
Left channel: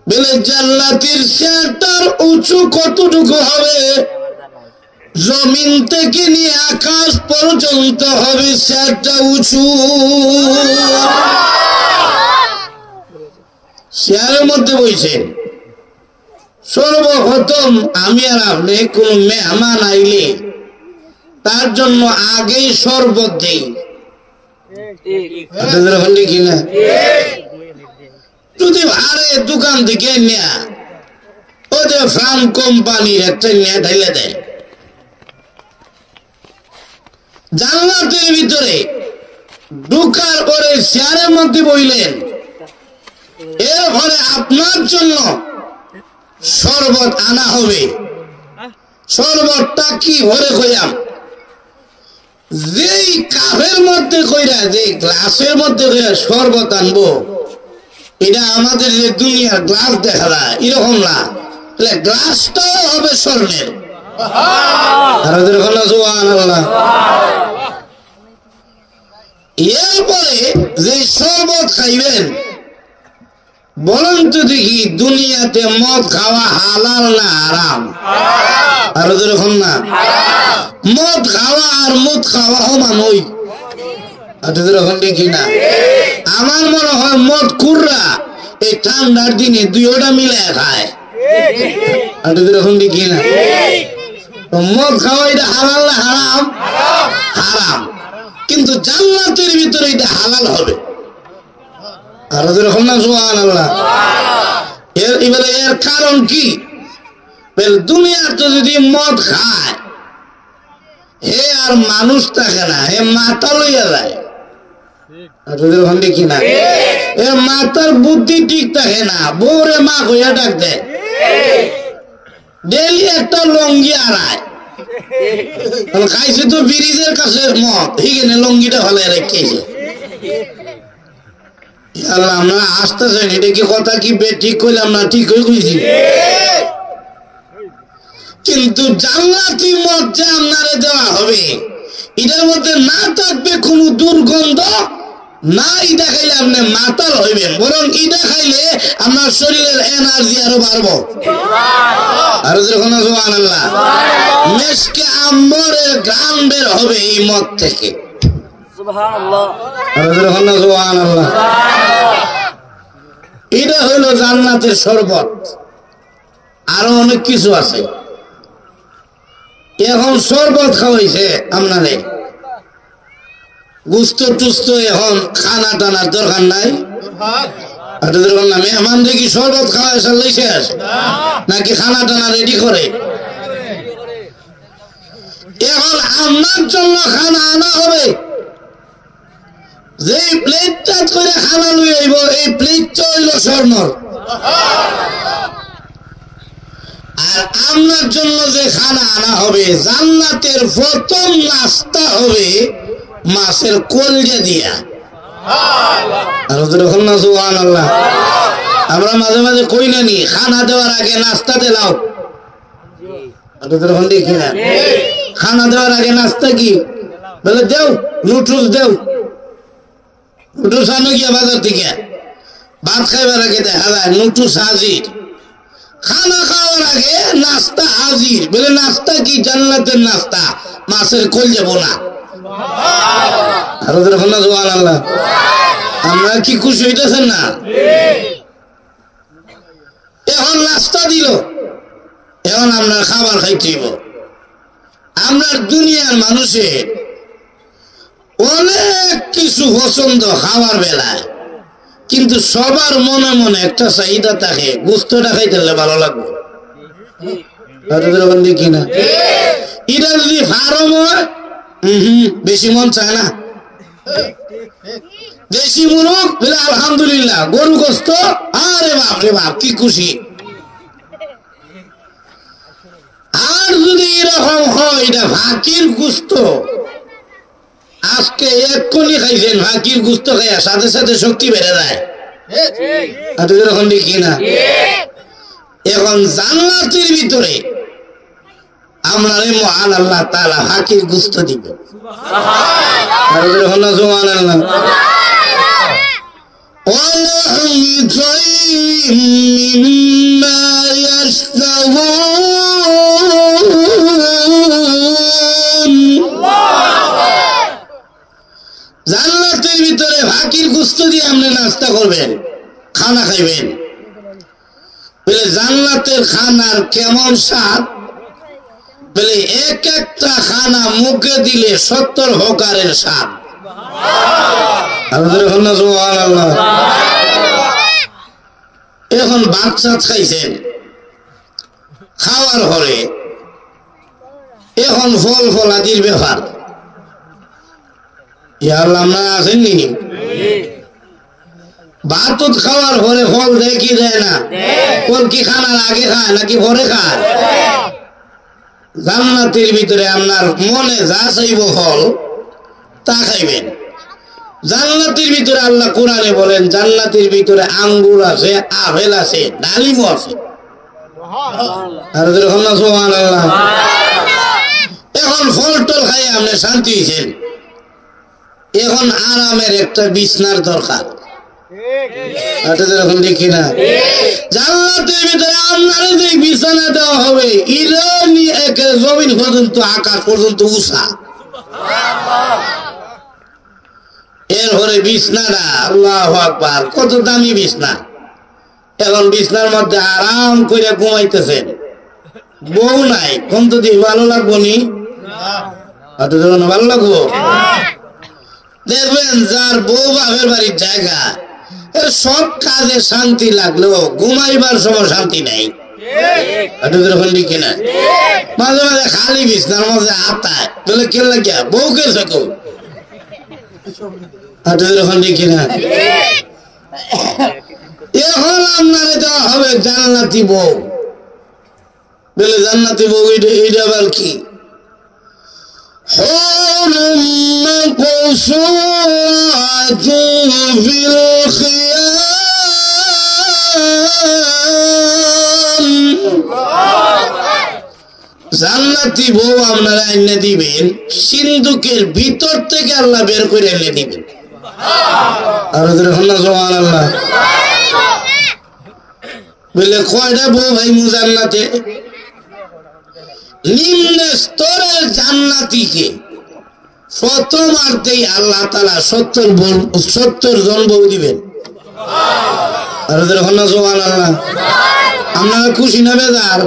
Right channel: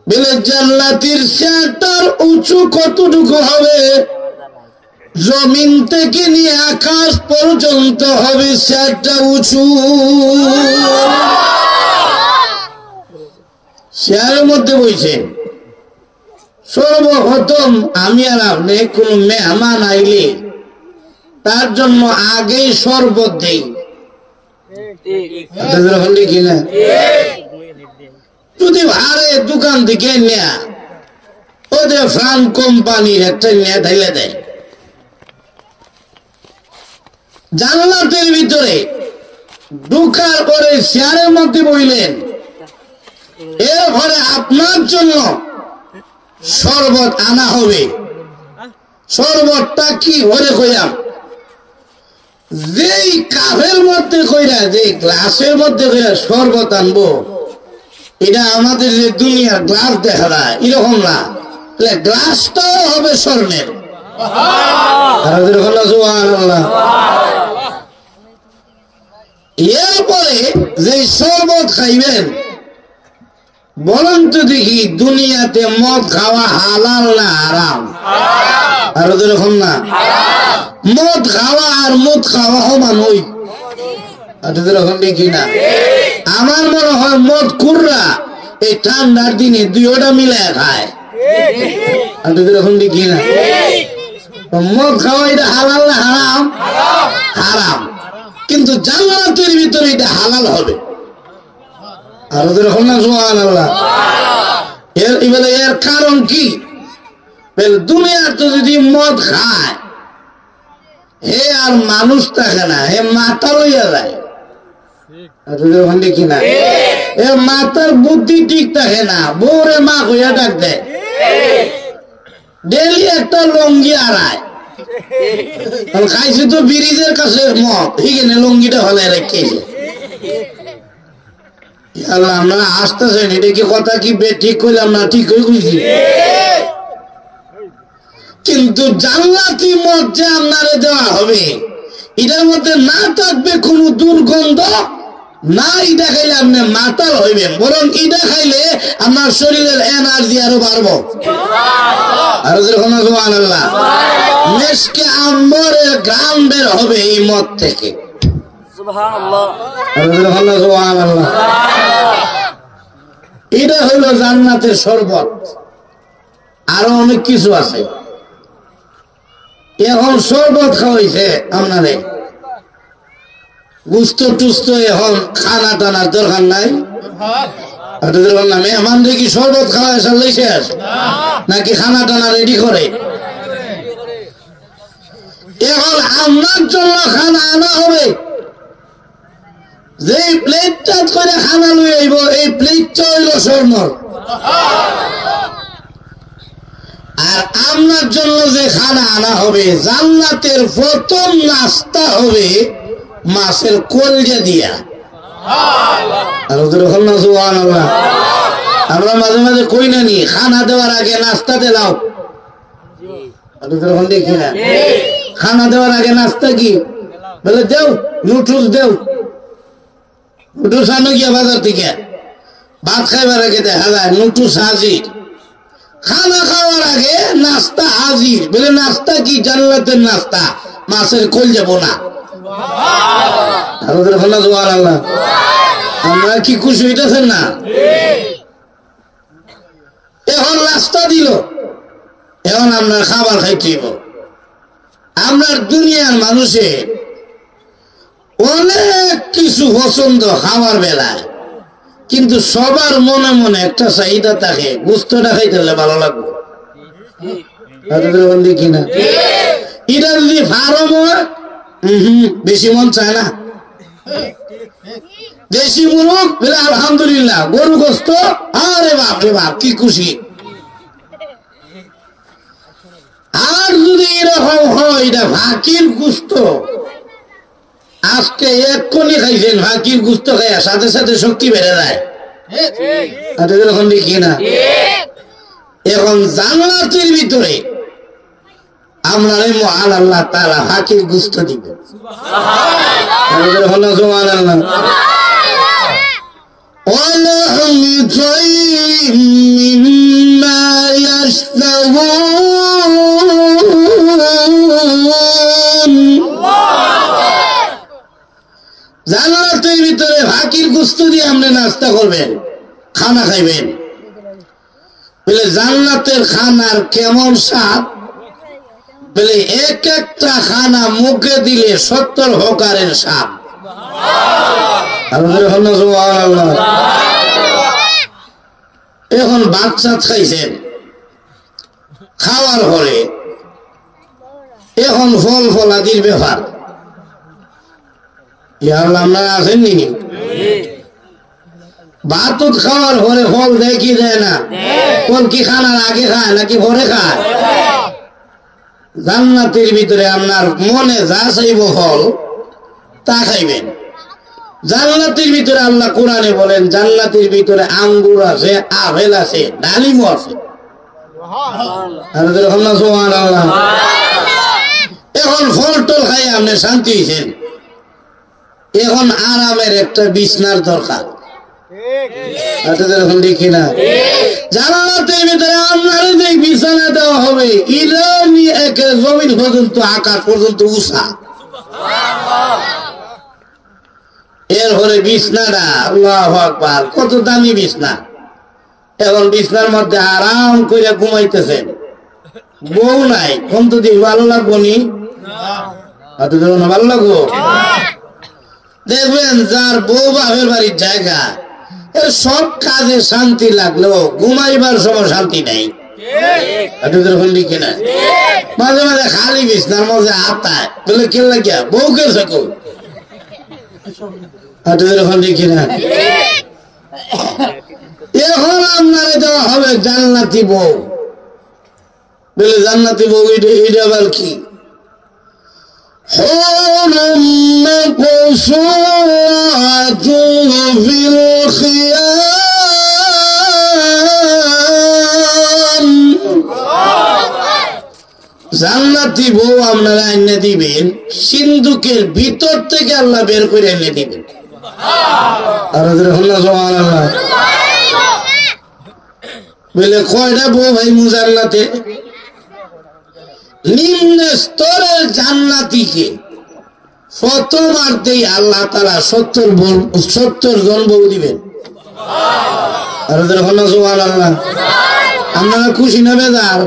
বলে জান্নাতের চেয়ারটার উঁচু কতটুকু হবে? জমিন থেকে নিয়ে আকাশ পর্যন্ত হবে চেয়ারটা উঁচু। চেয়ারের মধ্যে বইছেন। সর্বপ্রথম আমি আর আপনি কোন মেহমান আইলে তার জন্য আগে শরবত দেই কিনা? যদি ভারে দোকান থেকে নেয়া ওদের ফ্রান্স কোম্পানির একটা নিয়ে ঢেলে দেয়। জান্নাতের ভিতরে ঢুকার পরে চেয়ারের মধ্যে বইলেন, এরপরে আপনার জন্য শরবত আনা হবে। শরবতটা কি ঘরে কইলাম? যেই কাপের মধ্যে কইরা, যে গ্লাসের মধ্যে কইরা শরবত আনবো, এটা আমাদের যে দুনিয়ার গ্লাস দেখা যায় এরকম না, গ্লাসটাও হবে স্বর্ণের। এরপরে যে শরবত খাইবেন, বলেন তো দেখি দুনিয়াতে মদ খাওয়া হালাল না হারাম? আর এরকম না, মদ খাওয়া আর মদ খাওয়া সমান হই, এরকম দেখি না? আমার মনে হয় মদ কুররা এই ঠান্ডার দিনে দুইটা মিলায় খায়, এরকম দেখি না? মদ খাওয়া এটা হালাল না হারাম? হারাম। কিন্তু জান্নাতের ভিতরে এটা হালাল হবে। আর এরকম না? সুবহানাল্লাহ। এর কারণ কি? দুনিয়াতে যদি মদ খায়, হে আর মানুষ থাকে না, হে মাথা লইয়া যায়, দেখি না? এ মাথার বুদ্ধি ঠিক থাকে না, বউরে মা হইয়া ডাক দেয়, ডেলি একটা লঙ্গি আড়ায়, খাইছে তো ব্রিজের কাছে মদ, এখানে লঙ্গিটা হলে রেখেছে। আমরা আসতেছে, এটা কি কথা কি ঠিক কইলাম না? ঠিক হয়ে গেছি। কিন্তু জান্নাতি মদ যে আপনারে দেওয়া হবে, এটার মধ্যে না থাকবে কোন দুর্গন্ধ, না এটা খাইলে আপনি মাতাল হইবেন, বরং এটা খাইলে আমার শরীরের এনার্জি আরো বাড়বো। আরো যখন সুবহানাল্লাহ, মেশকে আম্বরের ঘ্রাণ বের হবে এই মদ থেকে। এটা হলো জান্নাতের শরবত। আরো অনেক কিছু আছে। এখন শরবত খাওয়াইছে আপনারে, গুস্ত টুস্ত এখন খানা টানার দরকার নাই। মেহমান দেখি শরবত খাওয়া শেষ নাকি খানা টানা রেডি করে? এখন আমার জন্য খানা আনা হবে, যে প্লেটটা করে খানা নিয়ে আইব, এই প্লেটটা হইল স্বর্ণ। আর আপনার জন্য যে খানা আনা হবে, জান্নাতের প্রথম নাস্তা হবে মাছের কলজা দিয়া। আমরা মাঝে মাঝে কই না নি, খানা দেওয়ার আগে নাস্তা দিলাও, দেখি না? খানা দেওয়ার আগে নাস্তা কি বলে? দেও নুডলস, দেও নুডলস আনো গিয়া বাজার থেকে। ভাত খাইবার আগে দেখা যায় নুডলস হাজির, খানা খাওয়ার আগে নাস্তা হাজির। বলে নাস্তা কি? জান্নাতের নাস্তা, মাছের কলজা বোনা। আমরা কি খুশি হইতেছেন না? এখন নাস্তা দিল, এখন আমরা খাবার খাইতে। আমরা দুনিয়ার মানুষের অনেক কিছু পছন্দ খাওয়ার বেলায়, কিন্তু সবার মনে মনে একটা চাহিদা থাকে, গোস্তটা খাইতে হলে ভালো লাগবে কিনা? এটা যদি ফার্ম হয়, বেশি মন চায় না। দেশি মুরগ আলহামদুলিল্লাহ, গরু গোস্ত, আরে বাপ রে বাপ কি খুশি। আর যদি এরকম হয়, এটা হাকির গোস্ত, আজকে এক্ষুনি খাইছেন, হাকির গোস্ত খাইয়া সাথে সাথে শক্তি বেড়ে যায়, এরকম দেখি না? এখন জান্নাতের ভিতরে আমরা মহান আল্লাহ তাআলা হাকির গোস্ত দিবেন। জান্নাতের ভিতরে হাকির গোস্ত দিয়ে আপনি নাস্তা করবেন, খানা খাইবেন। বলে জান্নাতের খানার কেমন স্বাদ? বলে এক একটা খানা মুখে দিলে 70 হকারের স্বাদ। এখন বাচ্চা খাইছেন, খাওয়ার পরে এখন ফল ফলাদির ব্যাপার। আমরা আসেননি, ভাত খাওয়ার পরে ফল দেয় কি দেয় না? ফল কি খানার আগে খায় নাকি পরে খায়? জান্নাতের ভিতরে আপনার মনে যা চাইব ফল তা খাইবেন। জান্নাতের ভিতরে আল্লাহ কোরআনে বলেন জান্নাতের ভিতরে আঙ্গুর আছে, আপেল আছে, ডালিমও আছে। এখন ফল টল খাই আপনি শান্তি হয়েছেন, এখন আরামের একটা বিছনার দরকার। দেখি না জান্নাতের ভিতরে আপনার যে বিছানা দেওয়া হবে ইরানি একে জমিন পর্যন্ত আকাশ পর্যন্ত উষা, এরপরে বিছনাটা আল্লাহু আকবার কত দামি বিছনা। এখন বিছনার মধ্যে আরাম করে ঘুমাইতেছেন, বউ নাই, কোন তো দিয়ে ভালো লাগবো নি? ভালো লাগবো? দেখবেন যার বউ বাপের বাড়ির জায়গা, এর সব কাজে শান্তি লাগলেও ঘুমাইবার সময় শান্তি নাই। কিনা মাঝে মাঝে খালি বিছনার মাঝে আতায় বলে কে লাগিয়া বউকে থাকো। কিনা এখন আপনারে দেওয়া হবে জান্নাতি বউ, বলে জান্নাতি বউ এটা আবার কি? জান্নাতি বউ আপনারা এনে দিবেন, সিন্ধুকের ভিতর থেকে আল্লাহ বের করে এনে দিবেন। বলে কয়টা বউ ভাই মু জান্নাতে? নিম্ন স্তরের জান্নাতিকে প্রথমার্ধেই আল্লাহ তাআলা 70 জন বউ দিবেন। আপনারা খুশি না বেজার?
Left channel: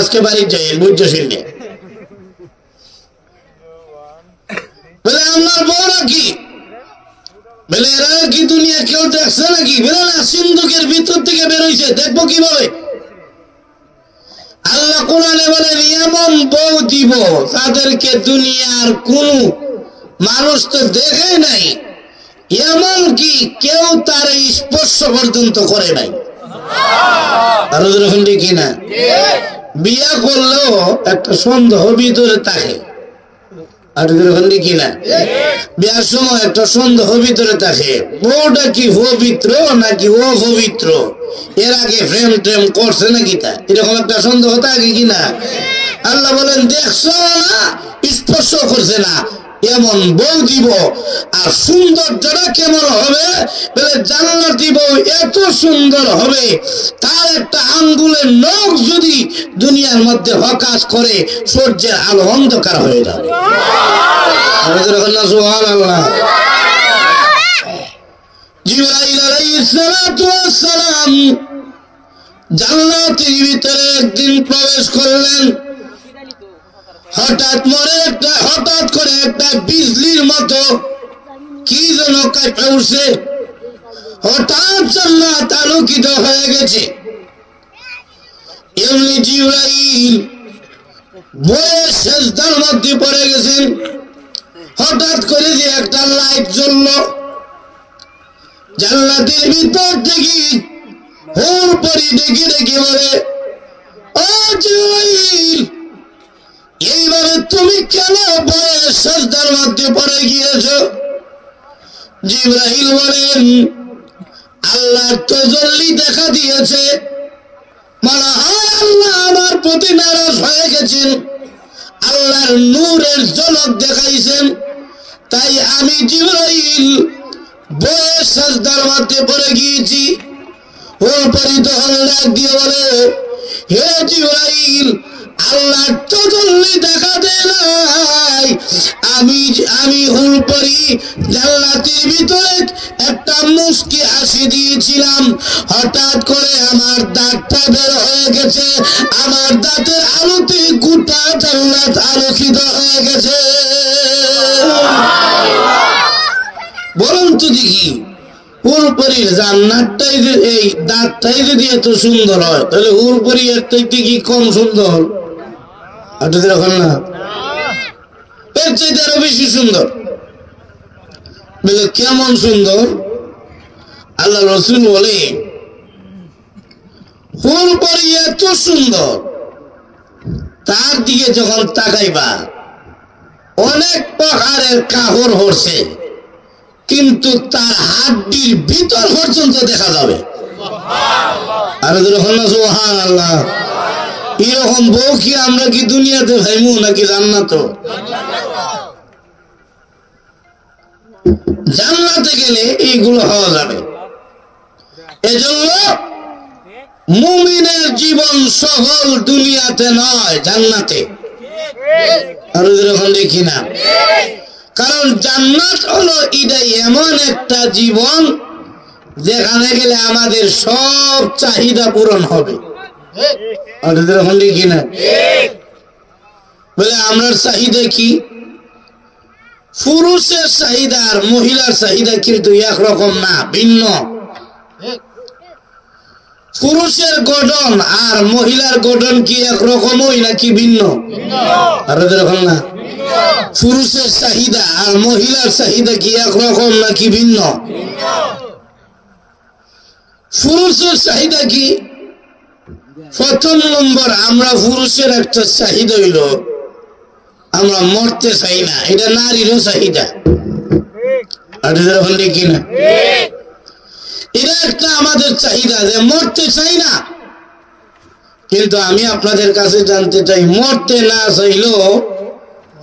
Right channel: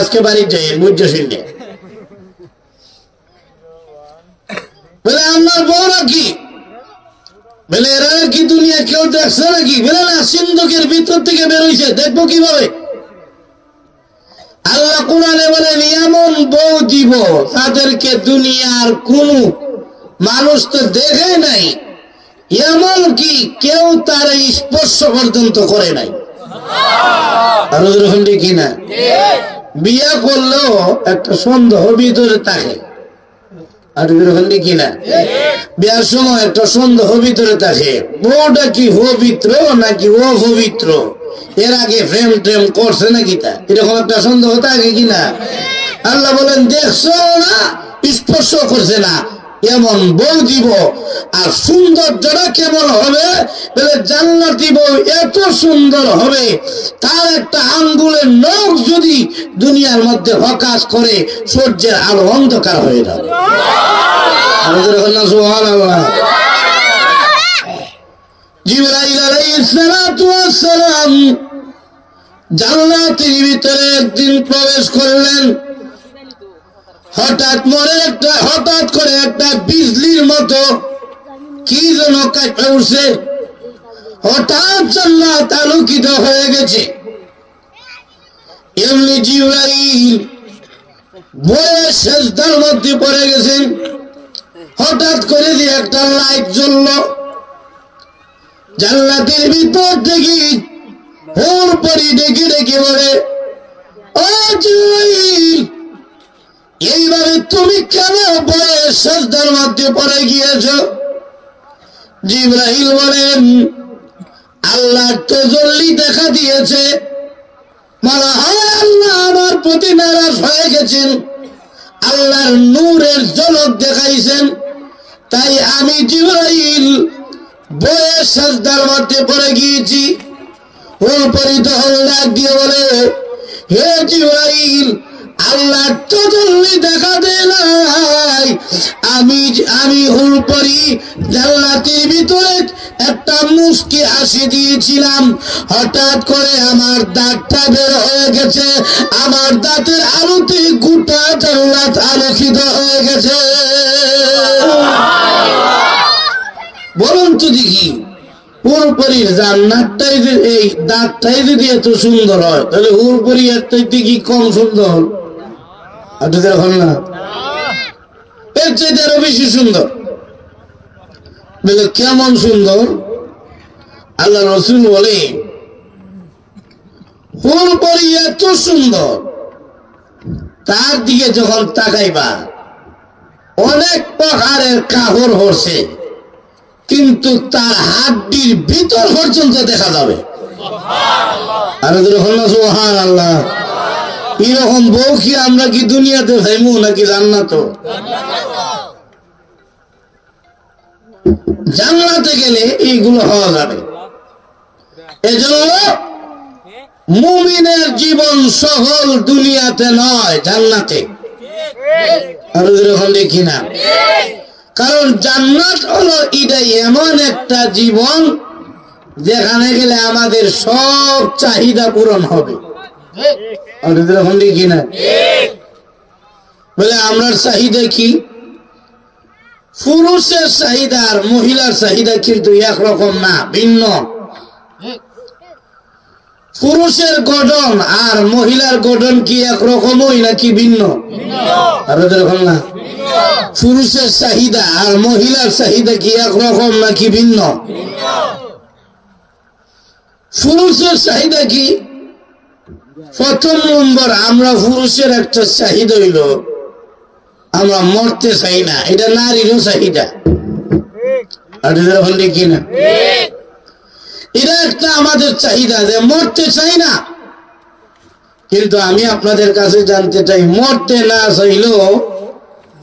আজকে বাড়ি যাই বুঝছো শুনলে বলে আপনার বউরা কি? বলে এরা কি দুনিয়া কেউ দেখছে নাকি? বলে না, সিন্ধুকের ভিতর থেকে বেরোইছে, দেখবো কিভাবে? আল্লাহ কোরআনে বলেন এমন বউ দিব তাদেরকে দুনিয়ার কোন মানুষ তো দেখে নাই, এমন কি কেউ তার স্পর্শ পর্যন্ত করে নাই। আরো যখন দেখি না বিয়া করলেও একটা সন্দেহ ভিতরে থাকে, আর যখন দেখি না বিয়ার সময় একটা সন্দেহ ভিতরে থাকে, বউটা কি পবিত্র নাকি ও পবিত্র, এর আগে প্রেম টেম করছে নাকি, তা এরকম একটা সন্দেহ থাকে কিনা। আল্লাহ বলেন দেখছো না, স্পর্শ করছে না, এমন বউ দিব। আর সৌন্দর্যটা কেমন হবে? বলে জান্নাতি বউ এত সুন্দর হবে তার একটা আঙ্গুলের নখ যদি দুনিয়ার মধ্যে হকাশ করে সূর্যের আলো অন্ধকার হয়ে যাবে। জিবরাইল আলাইহিস সালাতু ওয়াস সালাম জান্নাতের ভিতরে একদিন প্রবেশ করলেন। হঠাৎ করে একটা বিজলির মতো কি যেন কাঁপে উঠছে, হঠাৎ জান্নাত আলোকিত হয়ে গেছে। এমনি জিবরাইল বড় সেজদার মধ্যে পড়ে গেছেন। হঠাৎ করে যে একটা লাইট জ্বলল, জান্নাতের ভিতর থেকে হুর পরি ডেকে ডেকে বলে, ও জিবরাইল, এইভাবে তুমি কেন বড় সেজদার মধ্যে পড়ে গিয়েছ? জিবরাইল বলেন, আল্লাহর তাজাল্লি দেখা দিয়েছে, মানে আল্লাহ আমার প্রতি নারাজ হয়ে গেছেন, আল্লাহর নূরের ঝলক দেখাইছেন, তাই আমি জিবরাইল বড় সেজদার মধ্যে পড়ে গিয়েছি। ওর পরে তখন ডাক দিয়ে বলে, হে জিবরাইল, আল্লাহ তাজাল্লি দেখা দেয় নাই, আমি হুল পরি জান্নাতের ভিতরে একটা মুস্কি হাসি দিয়েছিলাম, হঠাৎ করে আমার দাঁতটা বের হয়ে গেছে, আমার দাঁতের আলোতে গোটা জান্নাত আলোকিত হয়ে গেছে। বলুন তো দেখি, হুরপরির জান্নাতটাই এই দাঁতটাই যদি এত সুন্দর হয়, তাহলে হুরপরি এর থেকে কি কম সুন্দর? দেখুন না, এর চাইতে আরো বেশি সুন্দর। কেমন সুন্দর? আল্লাহ রাসূল বলে, হুরপরি এত সুন্দর, তার দিকে যখন তাকাইবা অনেক পাহাড়ের কাপড় হচ্ছে, কিন্তু তার হাড্ডির ভিতর পর্যন্ত দেখা যাবে। আর সুবহানাল্লাহ, এরকম বউ কি আমরা কি দুনিয়াতে ভাইমু নাকি জান্নাত? জান্নাতে গেলে এইগুলো হওয়া যাবে। এজন্য মুমিনের জীবন সকল দুনিয়াতে নয়, জান্নাতে। আর এরকম দেখি না, কারণ জান্নাত হলো এটাই এমন একটা জীবন যেখানে গেলে আমাদের সব চাহিদা পূরণ হবে। আর এরকম দেখি না, বলে আমরা চাহিদা কি? পুরুষের চাহিদা আর মহিলার চাহিদা কিন্তু একরকম না, ভিন্ন। পুরুষের গঠন আর মহিলার গঠন কি একরকমই নাকি ভিন্ন? আর এরকম না, পুরুষের চাহিদা আর মহিলার চাহিদা কি একরকম নাকি ভিন্ন? পুরুষের চাহিদা কি? প্রথম নম্বর, আমরা পুরুষের একটা চাহিদা হইল আমরা মরতে চাই না, এটা নারীরও চাহিদা। আর এরকম দেখি না, এটা একটা আমাদের চাহিদা যে মরতে চাই না। কিন্তু আমি আপনাদের কাছে জানতে চাই, মরতে না চাইলেও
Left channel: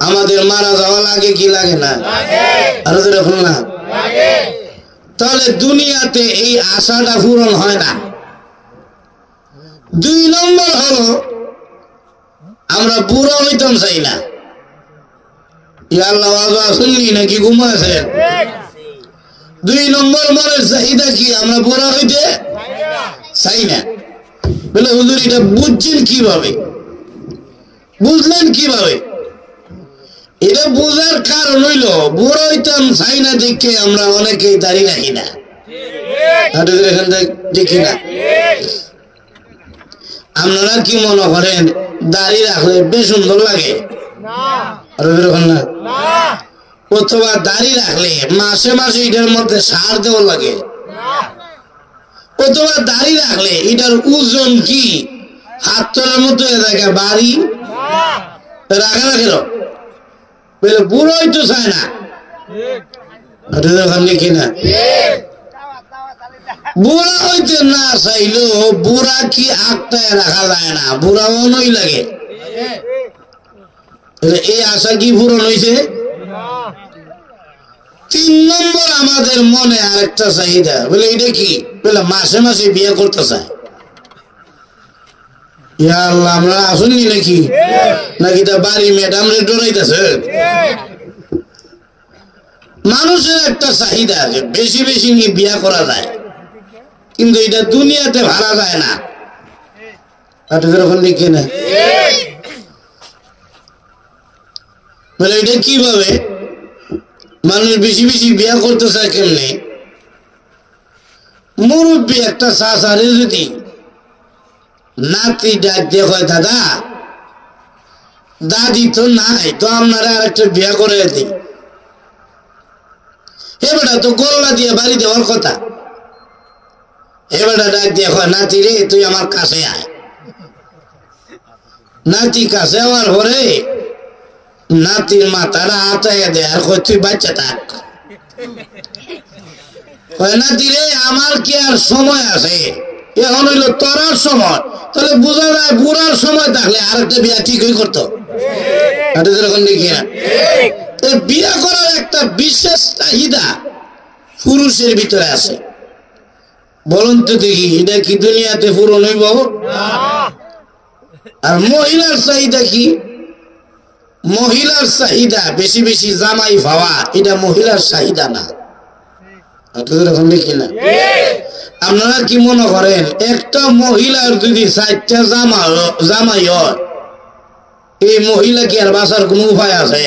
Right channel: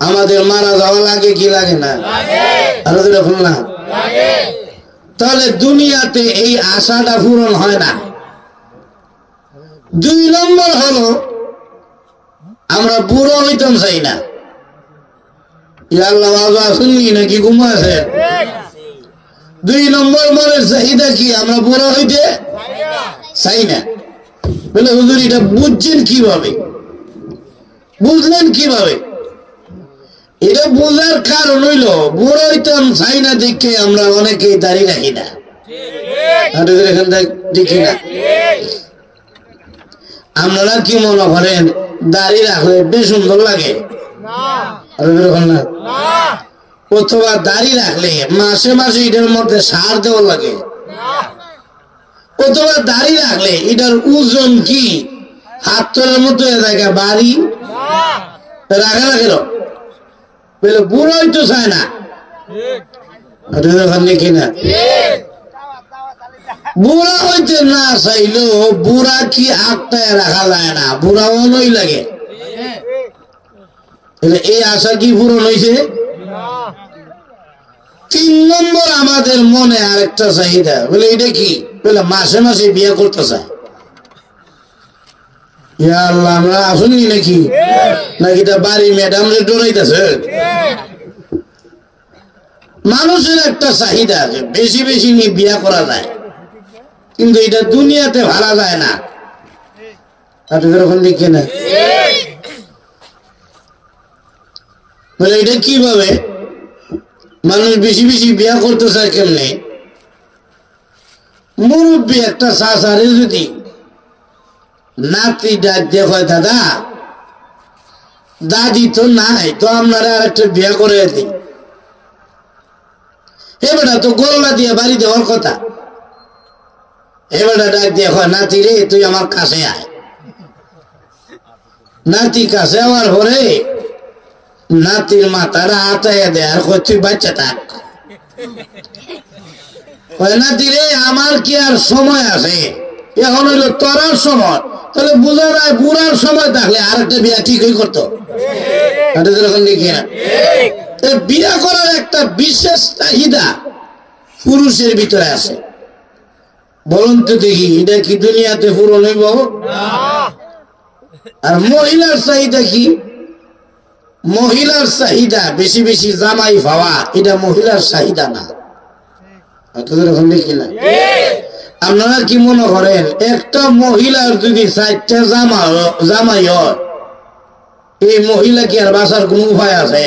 আমাদের মারা যাওয়া লাগে কি লাগে না? আর এরকম না, তাহলে দুনিয়াতে এই আশাটা পূরণ হয় না। দুই নম্বর হলো আমরা বুড়ো হইতাম চাই না। আল্লাহ শুনলি নাকি ঘুমাছে? দুই নম্বর মনের চাহিদা কি? আমরা বুড়ো হইতে চাই না। বলে হুজুর এটা বুঝছেন কিভাবে? বুঝলেন কিভাবে? এটা বোঝার কারণ হইল বুড়ো হইতাম চাই না দেখে আমরা অনেকেই দাড়ি রাখি না, দেখি না। আপনারা কি মনে করেন দাড়ি রাখলে বেশ সুন্দর লাগে? না, অথবা দাড়ি রাখলে মাসে মাসে এটার মধ্যে সার দেওয়া লাগে, অথবা দাড়ি রাখলে এটার ওজন কি হাত তোলার মতো থাকে, বাড়ি রাখা রাখে বলে বুড়োই তো চায় না। দেখি না, বুড়া হইতে না চাইলেও বুড়া কি আটটায় রাখা যায় না, বুড়া অনই লাগে। এই আশা কি পূরণ হয়েছে? তিন নম্বর আমাদের মনে আরেকটা চাহিদা, বলে এটা কি? বলে মাসে মাসে বিয়ে করতে চায়। আল্লাহ, আমরা আসুননি নাকি? নাকি তা বাড়ি ম্যাডাম ডরাইতেছে? মানুষের একটা চাহিদা যে বেশি বেশি নিয়ে বিয়ে করা যায়, কিন্তু এটা দুনিয়াতে ভাড়া যায় না। এরকম দেখি না, বলে এটা কিভাবে মানুষ বেশি বেশি বিয়ে করতে চায়? কেমনে? মুরব্বী একটা চাচারে যদি নাতি ডাক দিয়ে হয়, দাদা দাদি তো নাই, তো আপনারা আর একটা বিয়ে করে দিই। এবারটা তো গোল্লা দিয়ে বাড়ি দেওয়ার কথা। এবারটা ডাক দিয়ে হয়, নাতি রে তুই আমার কাছে আয়। নাতি কাছে আমার পরে নাতির মাথাটা আটাইয়া দেয় আর তুই বাচ্চা থাক। নাতি রে আমার কি আর সময় আছে? এখন হইলো তোরার সময়, তাহলে বুঝো না বুড়ার সময় থাকলে আর একটা বিয়ে ঠিকই করতো। বিয়ে করার একটা বিশেষ চাহিদা পুরুষের ভিতরে আছে। বলুন তো দেখি, এটা কি দুনিয়াতে পূরণ হইব? আর মহিলার চাহিদা কি? মহিলার চাহিদা বেশি বেশি জামাই পাওয়া, এটা মহিলার চাহিদা না। দেখি না, আপনারা কি মনে করেন একটা মহিলার যদি 4টা জামাই হয়, এই মহিলা কি আর বাঁচার কোন উপায় আছে?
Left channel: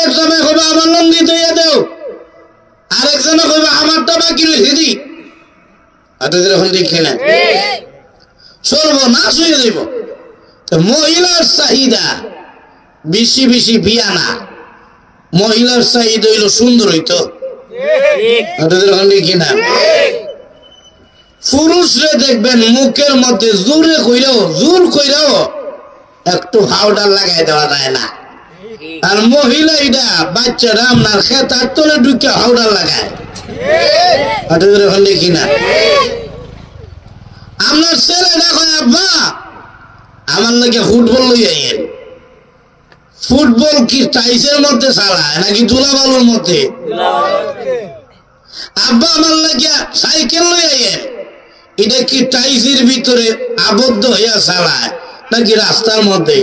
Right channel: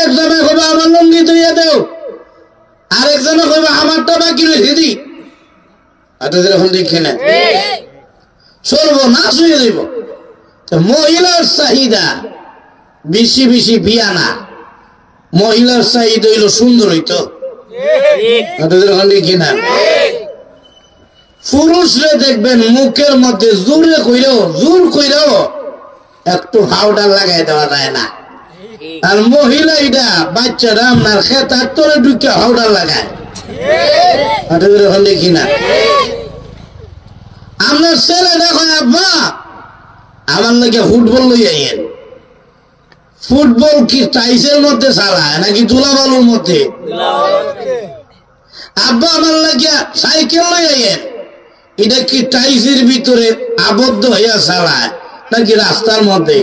এক জামাই কবে আমার লঙ্গি তৈরি দেও, আরেক জামাই কবে আমারটা বাকি রেখে দি। এরকম দেখি না, সর্বনাশ হয়ে যাব। মহিলার চাহিদা বেশি বেশি বিয়া না, মহিলার চাহিদা হইল সুন্দর হইতো। এরকম দেখি না, পুরুষরে দেখবেন মুখের মধ্যে জোর কইরাও একটু হাওডার লাগাই দেওয়া যায় না। আর মহিলা এটা বাচ্চাটা আপনার খেতার তলে ঢুকে হাওড়া লাগায় দেখি না আপনার ছেলে দেখো আব্বা আমার লাগে ফুটবল লইয়া আইয়েন ফুটবল কি টাইসের মধ্যে চালায় নাকি ধুলাবালুর মধ্যে আব্বা আমার লাগিয়া সাইকেল লইয়া আইয়েন এটা কি টাইসের ভিতরে আবদ্ধ হইয়া চালায় নাকি রাস্তার মধ্যে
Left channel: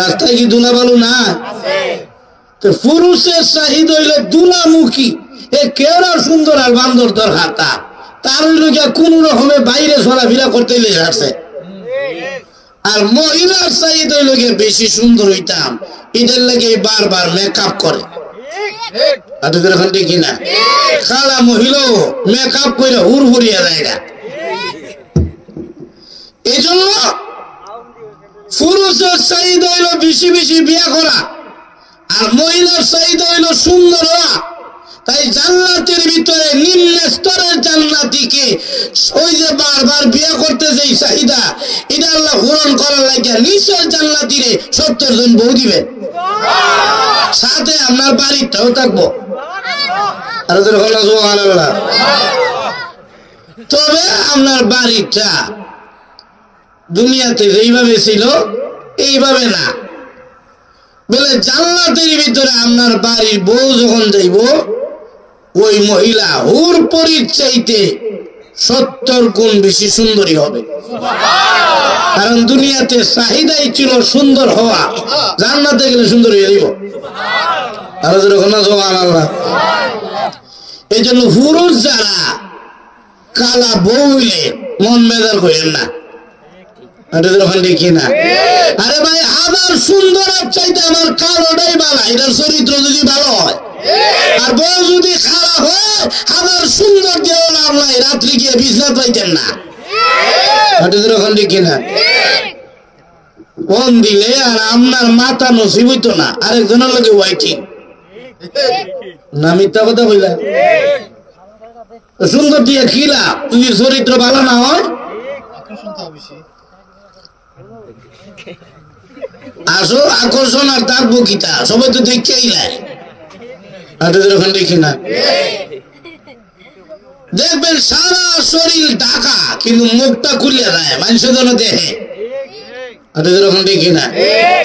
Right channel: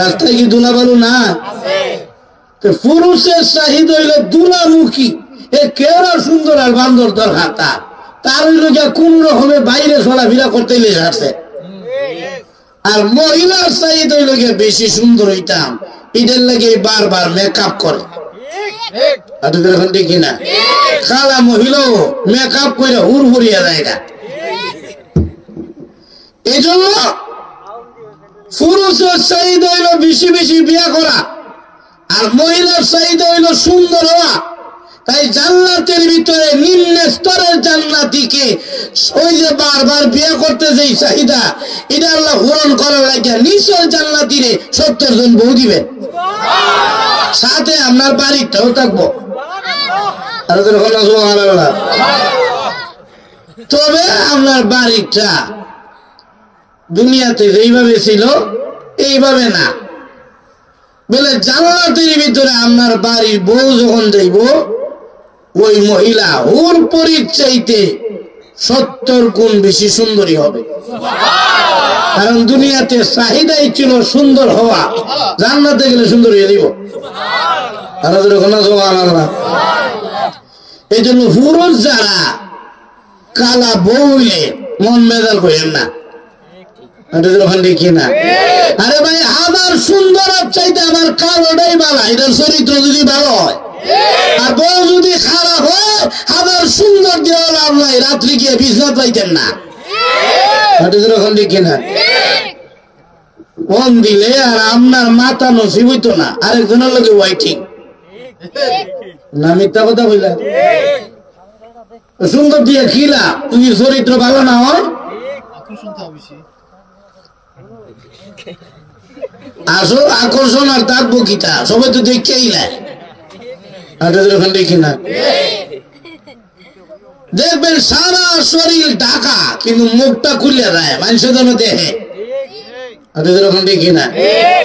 রাস্তায় কি ধুলাবালু না পুরুষের চাহিদা হইলে দুলামুখী এ কেওড়া সুন্দর আর বান্দর দর হাতা তার লোকে কোন রকমে বাইরে চলাফেরা করতে লেগে আছে আর মহিলার চাহিদা হইলে বেশি সুন্দর হইতাম এদের লাগে বারবার মেকআপ করে দেখি না খালা মহিলাও মেকআপ করে হুর হুরিয়া যায় না এই জন্য পুরুষের চাহিদা হইল বেশি বেশি বিয়া করা আর মহিলার চাহিদা হইল সুন্দর হওয়া তাই জান্নাতের ভিতরে নিম্ন স্তরের জান্নাতীকে ওই যে বারবার বিয়ে করতে যেই চাহিদা এটা আল্লাহ পূরণ করার লাগে নিচের জান্নাতীরে 70 জন বউ দিবে সাথে আপনার বাড়িটাও থাকবো তবে আপনার বাড়িটা দুনিয়াতে যেইভাবে ছিল এইভাবে না বলে জান্নাতের ভিতরে আপনার বাড়ির বউ যখন যাইব ওই মহিলা ওর পরিচয়তে 70 গুণ বেশি সুন্দরী হবে কারণ দুনিয়াতে চাহিদাই ছিল সুন্দর হওয়া জান্নাতে গেলে সুন্দর হয়ে দিব এই জন্য পুরুষ যারা কালা বউ হইলে মন মেজাল করেন না দেখি না আরে ভাই আমার সুন্দর চাইতে আমার কালোটাই ভালো এটার চরিত্র যদি ভালো হয় আর বউ যদি খারাপ হয় আমার সুন্দর দেওয়া লাভ নাই রাত্রি গিয়ে বিছনাত পাইতেন না দেখি না ফোন দিলে আর আপনার মাথা নসিব হইতো না আরেকজনের লোকে ওয়াইটিং না মিথ্যা কথা বললেন সুন্দর দিয়ে খিলা তুমি চরিত্র ভালো না হয় আসো আকর্ষণ আর তার বকিতা সবাই তো দেখেই নাই দেখি না দেখবেন সারা শরীর ঢাকা কিন্তু মুখটা খুলে দেয় মানুষের জন্য দেখে দেখি না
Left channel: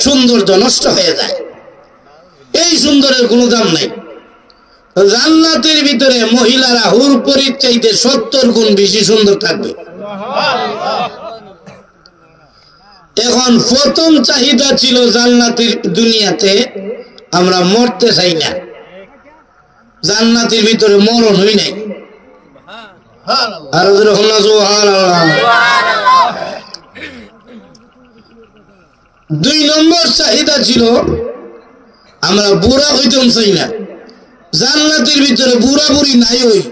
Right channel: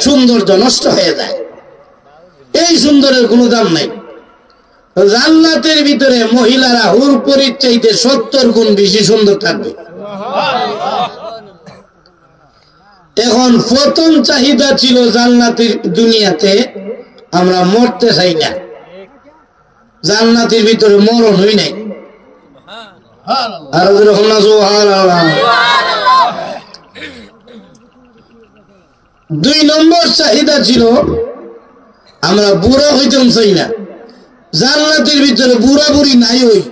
সৌন্দর্য নষ্ট হয়ে যায় এই সুন্দরের কোনো দাম নাই জান্নাতের ভিতরে মহিলারা হুর পরিচয়তে 70 গুণ বেশি সুন্দর থাকবে এখন প্রথম চাহিদা ছিল জান্নাতের দুনিয়াতে আমরা মরতে চাই না জান্নাতের ভিতরে মরণ হই নাই আর দুই নম্বর চাহিদা ছিল আমরা বুড়া হইতাম চাই না জান্নাতের ভিতরে বুড়া বুড়ি নাই হই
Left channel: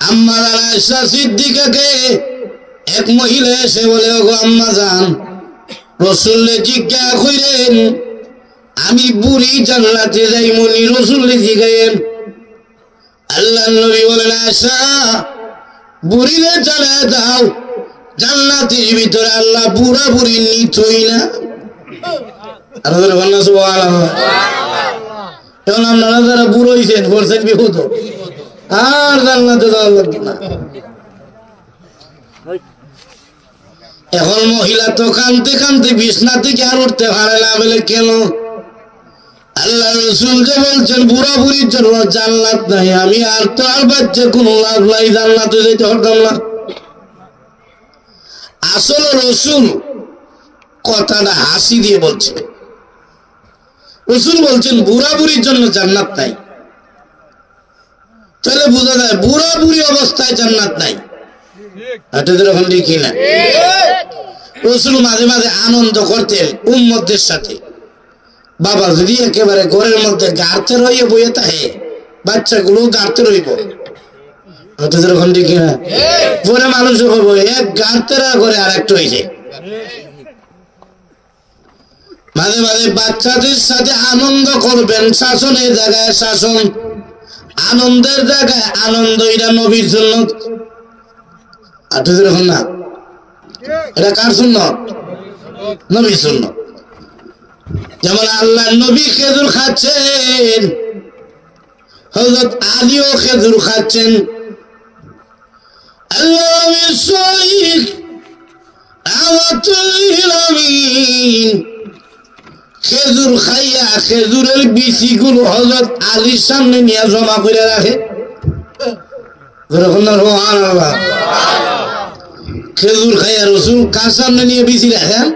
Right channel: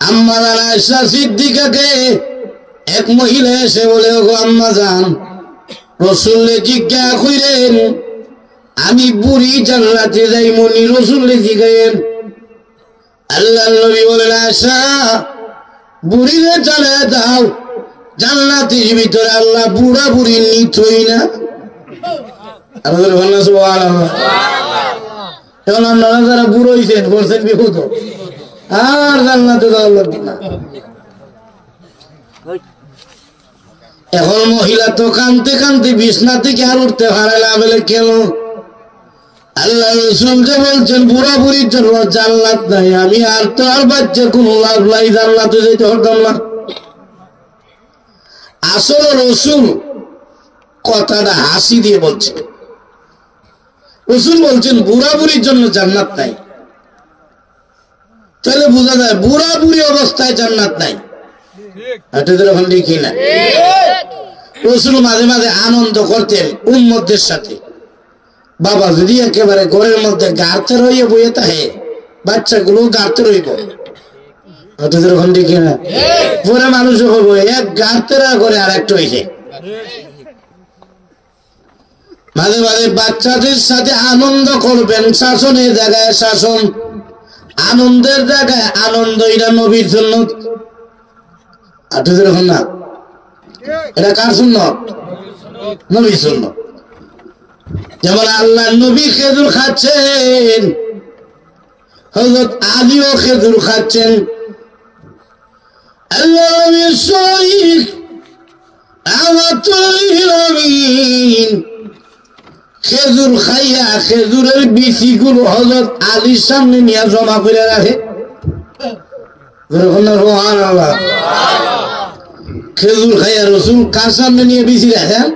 আম্মা আয়েশা সিদ্দিকাকে এক মহিলা এসে বলে গো আম্মা জান রাসূল জিজ্ঞাসা কইলেন আমি বুড়ি জান্নাতে যাইমুনি রাসূল জিজ্ঞাসেন আল্লাহর নবী বলেন আয়েশা বুড়িরে চলে যাও জান্নাতের ভিতরে আল্লাহ বুড়া বুড়ি নিতই না আর বলেন সুবহানাল্লাহ এখন আপনারা যারা বুড়ো হইছেন করছেন বিপদ আর জান্নাতে যাওয়া লাগবে না এখন মহিলা তো কানতে কানতে বিছনা থেকে আর উঠতে পারে না বলে কেন আল্লাহ রাসূল যে বলছেন বুড়া বুড়ির জন্য জান্নাত নাই আমি আর তো আর বাচ্চা কোনো লাভ নাই জান্নাতে যেতে পারতাম না আসলে রাসূল কথাটা হাসি দিয়ে বলছে রাসূল বলছেন বুড়া বুড়ির জন্য জান্নাত নাই তাহলে বোঝা যায় বুড়া বুড়ি অবস্থায় জান্নাত নাই দেখি না রাসূল মাঝে মাঝে আনন্দ করতেন উম্মতদের সাথে বাবা যদি একেবারে ঘরের মধ্যে গাঁতে রইয়ে বইয়ে থাকে বাচ্চাগুলো গাঁতে রইব দেখি না পরে মানুষ হবো এক গাঁতের ঘরে আর একটা হয়েছে মাঝে মাঝে বাচ্চাদের সাথে আনন্দ করবেন শাসনের জায়গায় শাসন আনন্দের জায়গায় আনন্দ এটা নবীর জন্য না এটা কার সুন্নাত? নবী সুন্নাত। যেমন আল্লাহ নবী খেজুর খাচ্ছেন, হযরত আলীও খেজুর খাচ্ছেন। আল্লাহ নবী সহিহ খেজুর খাইয়া খেজুরের বিচি গুলো হযরত আলীর সামনে নিয়ে জমা করে রাখে। খেজুর খাইয়া রসুল কার সামনে নিয়ে বিচি রাখেন?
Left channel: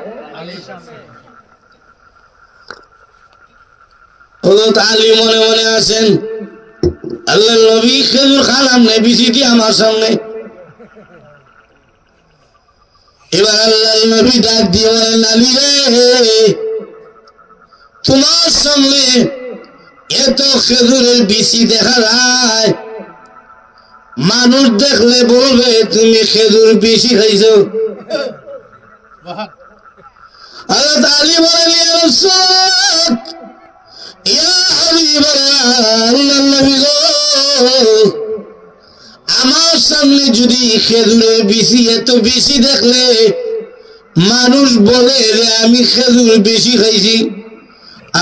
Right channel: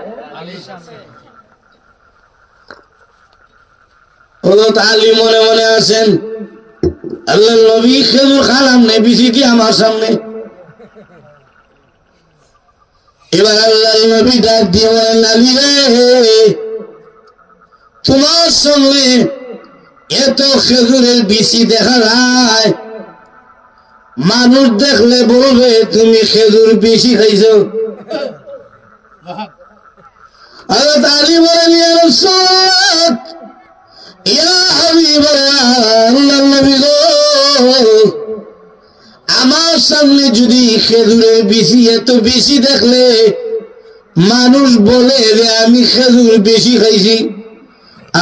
হযরত আলী মনে মনে আছেন, আল্লাহ নবী খেজুর খালাম না, বিচি দিয়ে আমার সামনে। এবার আল্লাহ নবী ডাক দিয়ে বলেন, আলী রে, তোমার সামনে এত খেজুরের বিচি দেখা যায়, মানুষ দেখলে বলবে তুমি খেজুর বেশি খাইছ। হযরত আলী বলেন, ইয়া রাসূল, ইয়া হাবিবাল্লাহ, আল্লাহর নবী গো, আমার সামনে যদি খেজুরের বিচি এত বেশি দেখলে মানুষ বলে যে আমি খেজুর বেশি খাইছি,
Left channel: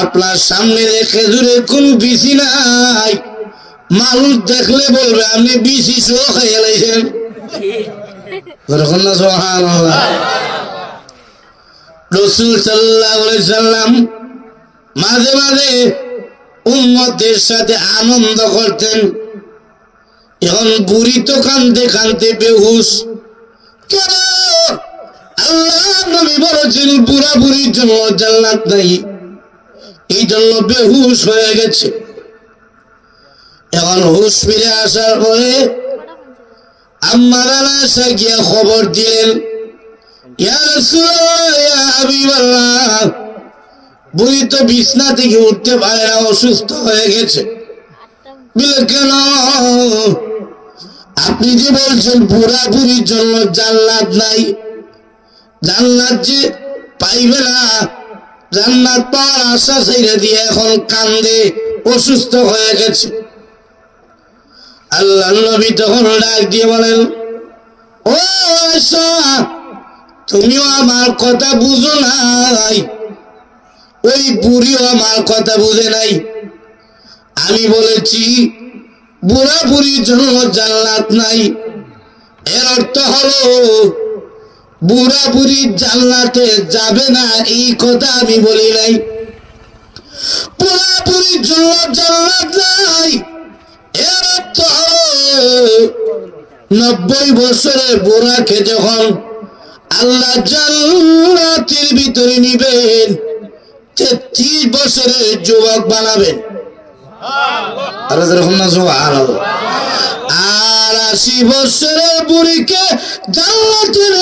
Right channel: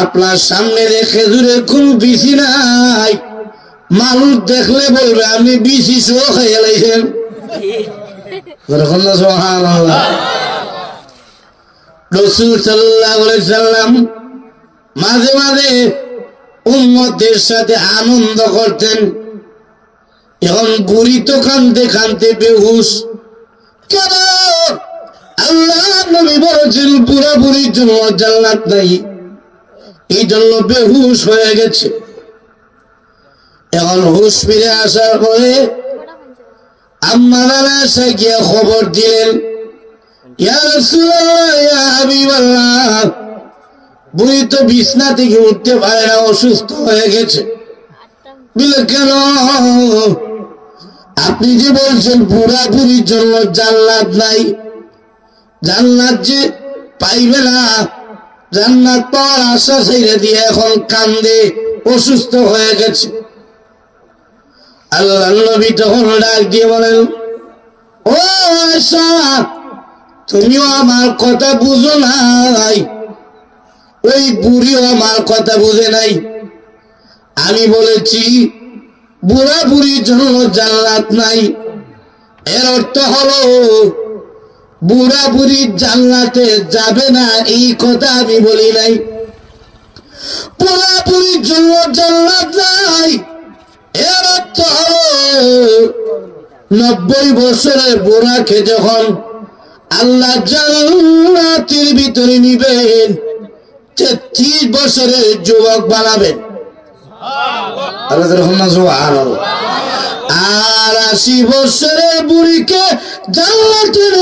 আপনার সামনে খেজুরের কোন বিচি নাই, মানুষ দেখলে বলবে আপনি বিচি সহ খাইয়া লাইছেন। রাসূল সাল্লাল্লাহু আলাইহি সাল্লাম মাঝে মাঝে উম্মতের সাথে আনন্দ করতেন। এখন বুড়ি তো কানতে কানতে বেহুশ। কেন? আল্লাহ নবী বলেছেন বুড়া বুড়ির জন্য জান্নাত নাই, এই জন্য বেহুশ হয়ে গেছে। এখন হুশ ফিরে আসার পরে আম্মা আয়েশা গিয়া খবর দিলেন, ইয়া রাসূলুল্লাহ, ইয়া হাবিবাল্লাহ, বুড়ি তো বিছনা থেকে উঠতে পারে না, অসুস্থ হয়ে গেছে। বলে কেন? আপনি যে বলছেন বুড়া বুড়ির জন্য জান্নাত নাই, জান্নাত যে পাইবে না, জান্নাত পাওয়ার আশা ছেড়ে দিয়ে এখন কান্দে, অসুস্থ হয়ে গেছে। আল্লাহ নবী তখন ডাক দিয়ে বলেন, ও আয়েশা, তুমিও আমার কথা বুঝো নাই, ওই বুড়িও আমার কথা বুঝে নাই। আমি বলেছি বুড়া বুড়ির জন্য জান্নাত নাই, এর অর্থ হলো বুড়া বুড়ি জান্নাতে যাবে না, এই কথা আমি বলি নাই। বুড়া বুড়ির জন্য জান্নাত নাই, এর অর্থ হলো 90 বছরের বুড়াকে যখন আল্লাহ জান্নাতের ভিতরে নিবেন, 33 বছরের যুবক বানাবেন। আর 80 বছরের বুড়িকে জান্নাতের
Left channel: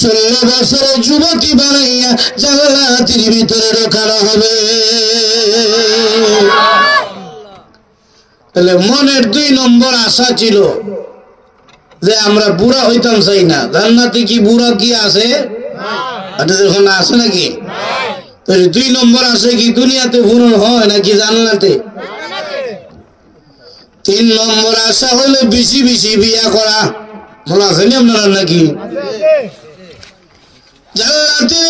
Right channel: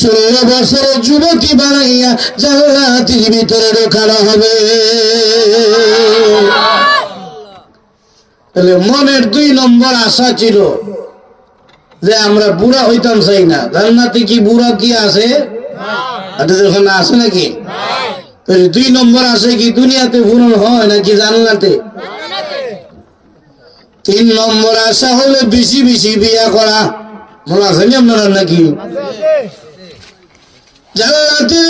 16 বছরের যুবতী বানাইয়া জান্নাতের ভিতরে ঢোকানো হবে। তাহলে মনের 2 নম্বর আশা ছিল যে আমরা বুড়া হইতাম চাই না। জান্নাতে কি বুড়া কি আছে? আছে নাকি? 2 নম্বর আছে কি দুনিয়াতে পূরণ হয় নাকি জান্নাতে? 3 নম্বর আশা হলে বেশি বেশি বিয়া করা। মনে আছে আপনারা নাকি? জান্নাতে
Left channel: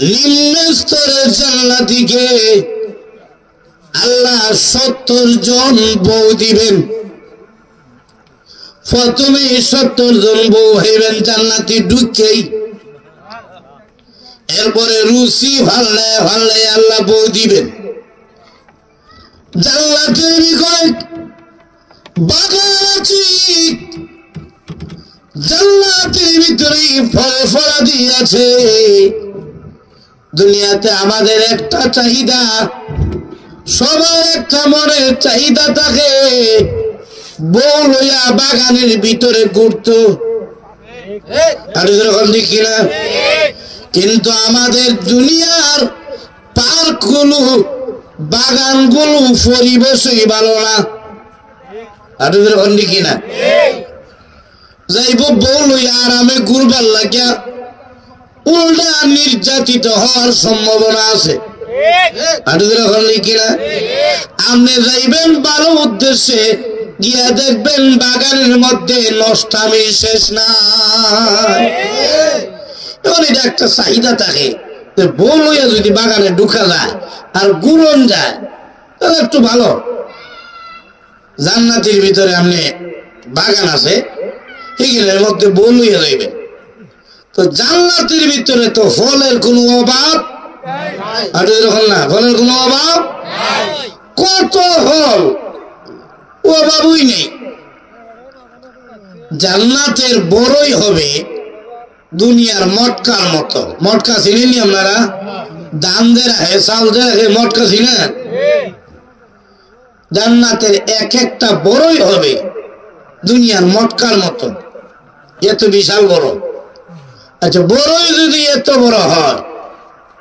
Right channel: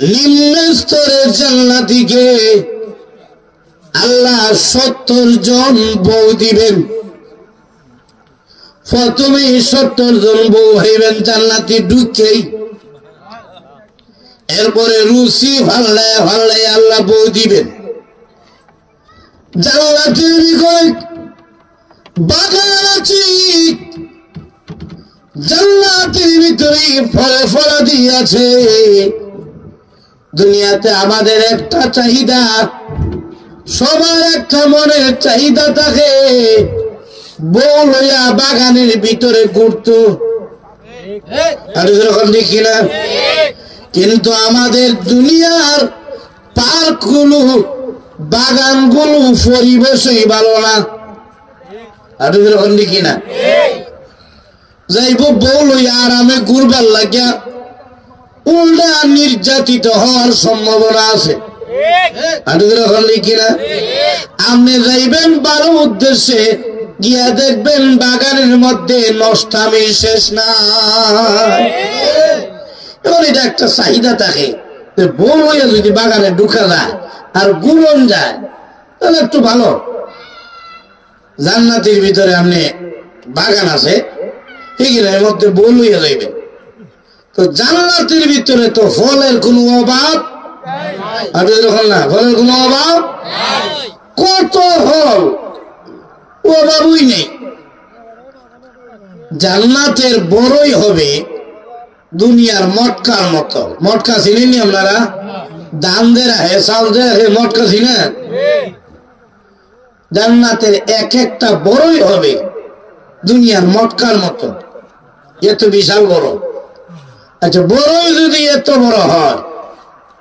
নিম্ন স্তরের জান্নাতীকে আল্লাহ 70 জন বউ দিবেন। প্রথমে 70 জন বউ হইবেন জান্নাতি ঢুকেই, এরপরে রুচি ভাল্লে ভাল্লে আল্লাহ বউ দিবেন। জান্নাতের বিষয় বাগান আছে, জান্নাতের ভিতরে ফল ফলাদি আছে। দুনিয়াতে আমাদের একটা চাহিদা, সবার একটা মনের চাহিদা থাকে, বউ লইয়া বাগানের ভিতরে ঘুরতো, আর এরকম দেখি না। কিন্তু আমাদের দুনিয়ার পার্ক গুলো, বাগান গুলো পরিবেশই ভালো না, আর এরকম দেখি না। যাইব বউ লইয়া আরামে ঘুরবার লাগিয়া উল্টা নির্যাতিত হওয়ার সম্ভাবনা আছে, আর এরকম দেখি না। আপনি যাইবেন ভালো উদ্দেশ্যে, গিয়া দেখবেন বাগানের মধ্যে নষ্টামি শেষ নাই। এখন এটা একটা চাহিদা থাকে, বড় হইয়া যদি বাগানে ঢুকা যায় আর গুরন যায় তাহলে একটু ভালো। জান্নাতের ভিতরে আপনি বাগান আছে, এগুলোর মধ্যে বল হইয়া যাইবে। তো জান্নাতের ভিতরে তো ফলের কোনো অভাব না, ফলের কোনো অভাব, কত ফল, অভাবই নেই। জান্নাতের বড়ই হবে দুনিয়ার মটকার মতো। মটকা চিনেনি আপনারা? দাম দেয় হে, চাল দেয় হে, মটকা চিনেন? জান্নাতের এক একটা বড়ই হবে দুনিয়ার মটকার মতো, এত বিশাল বড়। আচ্ছা, বড়ই যদি এত বড় হয়,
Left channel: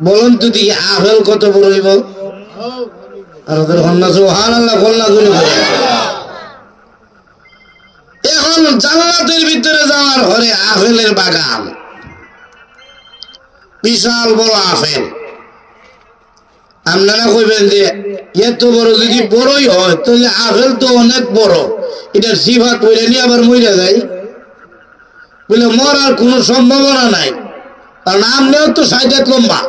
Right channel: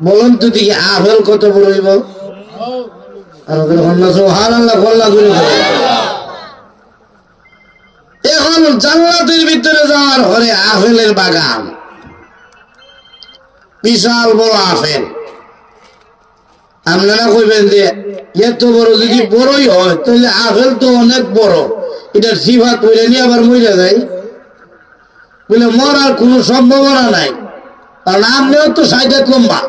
বলুন তো দেখি আপেল কত বড় হইব? এখন জান্নাতের ভিতরে যাওয়ার ঘরে আপেলের বাগান, বিশাল বড় আপেল। আপনারা কইবেন যে এত বড় যদি বড়ই হয় তাহলে আপেল তো অনেক বড়, এটা সিফাত বলে নিয়ে আবার মরে যায়, বলে মরার কোন সম্ভাবনা নাই, কারণ আমরাও তো সাইডে লম্বা।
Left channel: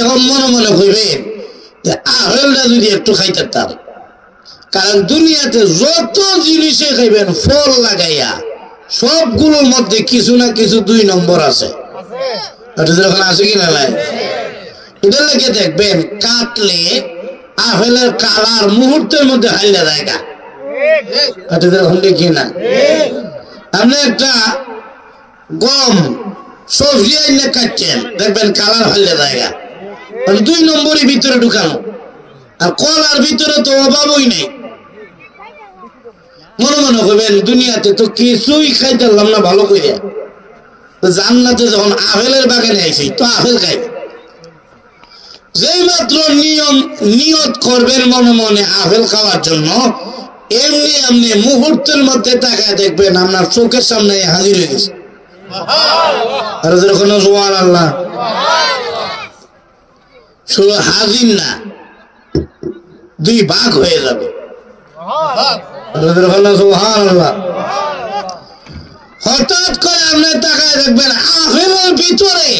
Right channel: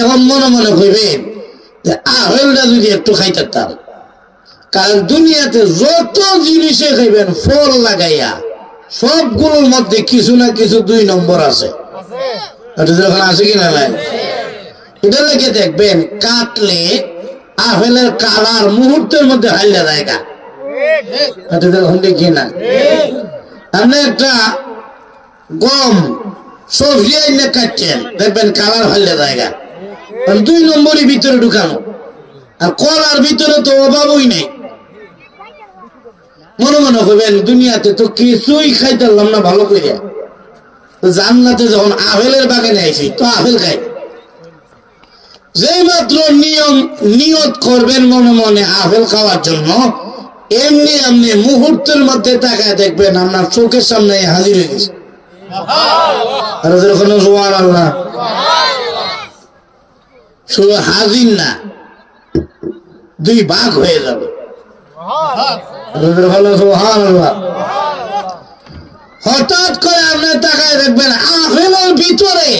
এখন মনে মনে কইবেন যে আপেলটা যদি একটু খাইতাম, কারণ দুনিয়াতে যত জিনিসে খাইবেন ফল লাগাইয়া সবগুলোর মধ্যে কিছু না কিছু 2 নম্বর আছে। আছে কিনা নাই? এটা লাগে দেখবেন কাটলে আপেলের কালার মুহূর্তের মধ্যে হাইলা জায়গা। দেখি না, আপনি একটা গম সবজি আইনে কাটছেন, দেখবেন কালার হাইলা জায়গা, 2 নম্বরই ভিতরে ঢুকানো। আর কলার ভিতরে তো অভাবই নেই। মনে মনে করবেন দুনিয়াতে তো কিছুই খাইতে পারলাম না ভালো করে, জান্নাতে যখন আপেলের বাগানে আইছি তো আপেল খাই। যে মাত্র নিয়ত করবেন মনে মনে আপেল খাওয়ার জন্য, এমনি এমনি মুহূর্তের মধ্যে তাকায় দেখবেন আপনার চোখের সামনে হাজির হয়ে গেছে। সুবহানাল্লাহ, শুধু হাজির না, 2 ভাগ হয়ে যাবে। সুবহানাল্লাহ। হঠাৎ করে আপনি তাকায় দেখবেন আপেলের ভিতরে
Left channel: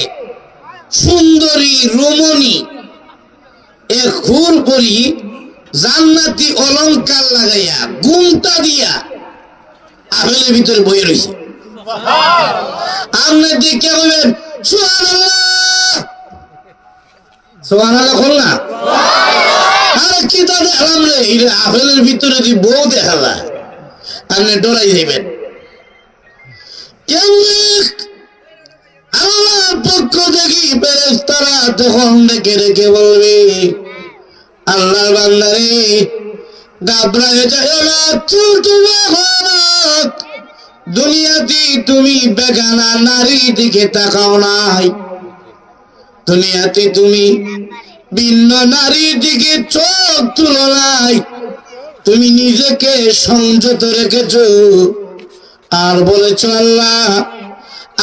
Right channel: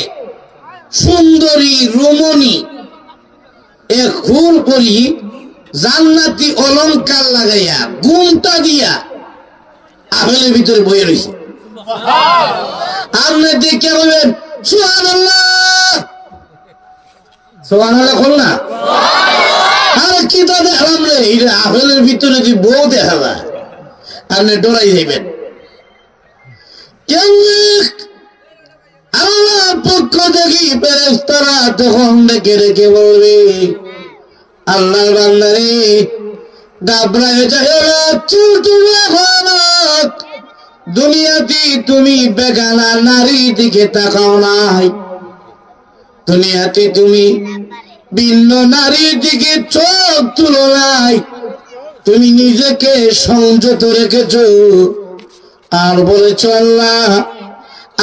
সুন্দরী রমণী এক ফুল করি জান্নাতি অলংকার লাগাইয়া গুমটা দিয়া আপেলের ভিতরে বয়ে রয়েছে। আপনি দেখে বলবেন সুবহানাল্লাহ, সুবহানাল্লাহ বল না। আর কি তো দেখলাম রে, এটা আপেলের ভিতরে যদি বউ দেখা যায় আপনি ডরাই যাইবেন। আল্লাহ পক্ষ থেকে ফেরেশতারা তখন ডেকে ডেকে বলবে, আল্লাহর বান্দারে ঘাবড়ায় যায় না, দুনিয়াতে তুমি বেগানা নারী দিকে তাকাও নাই, দুনিয়াতে তুমি ভিন্ন নারীর দিকে চোখ তুলো নাই, তুমি নিজেকে সংযত রেখেছ। আর বলেছ আল্লাহ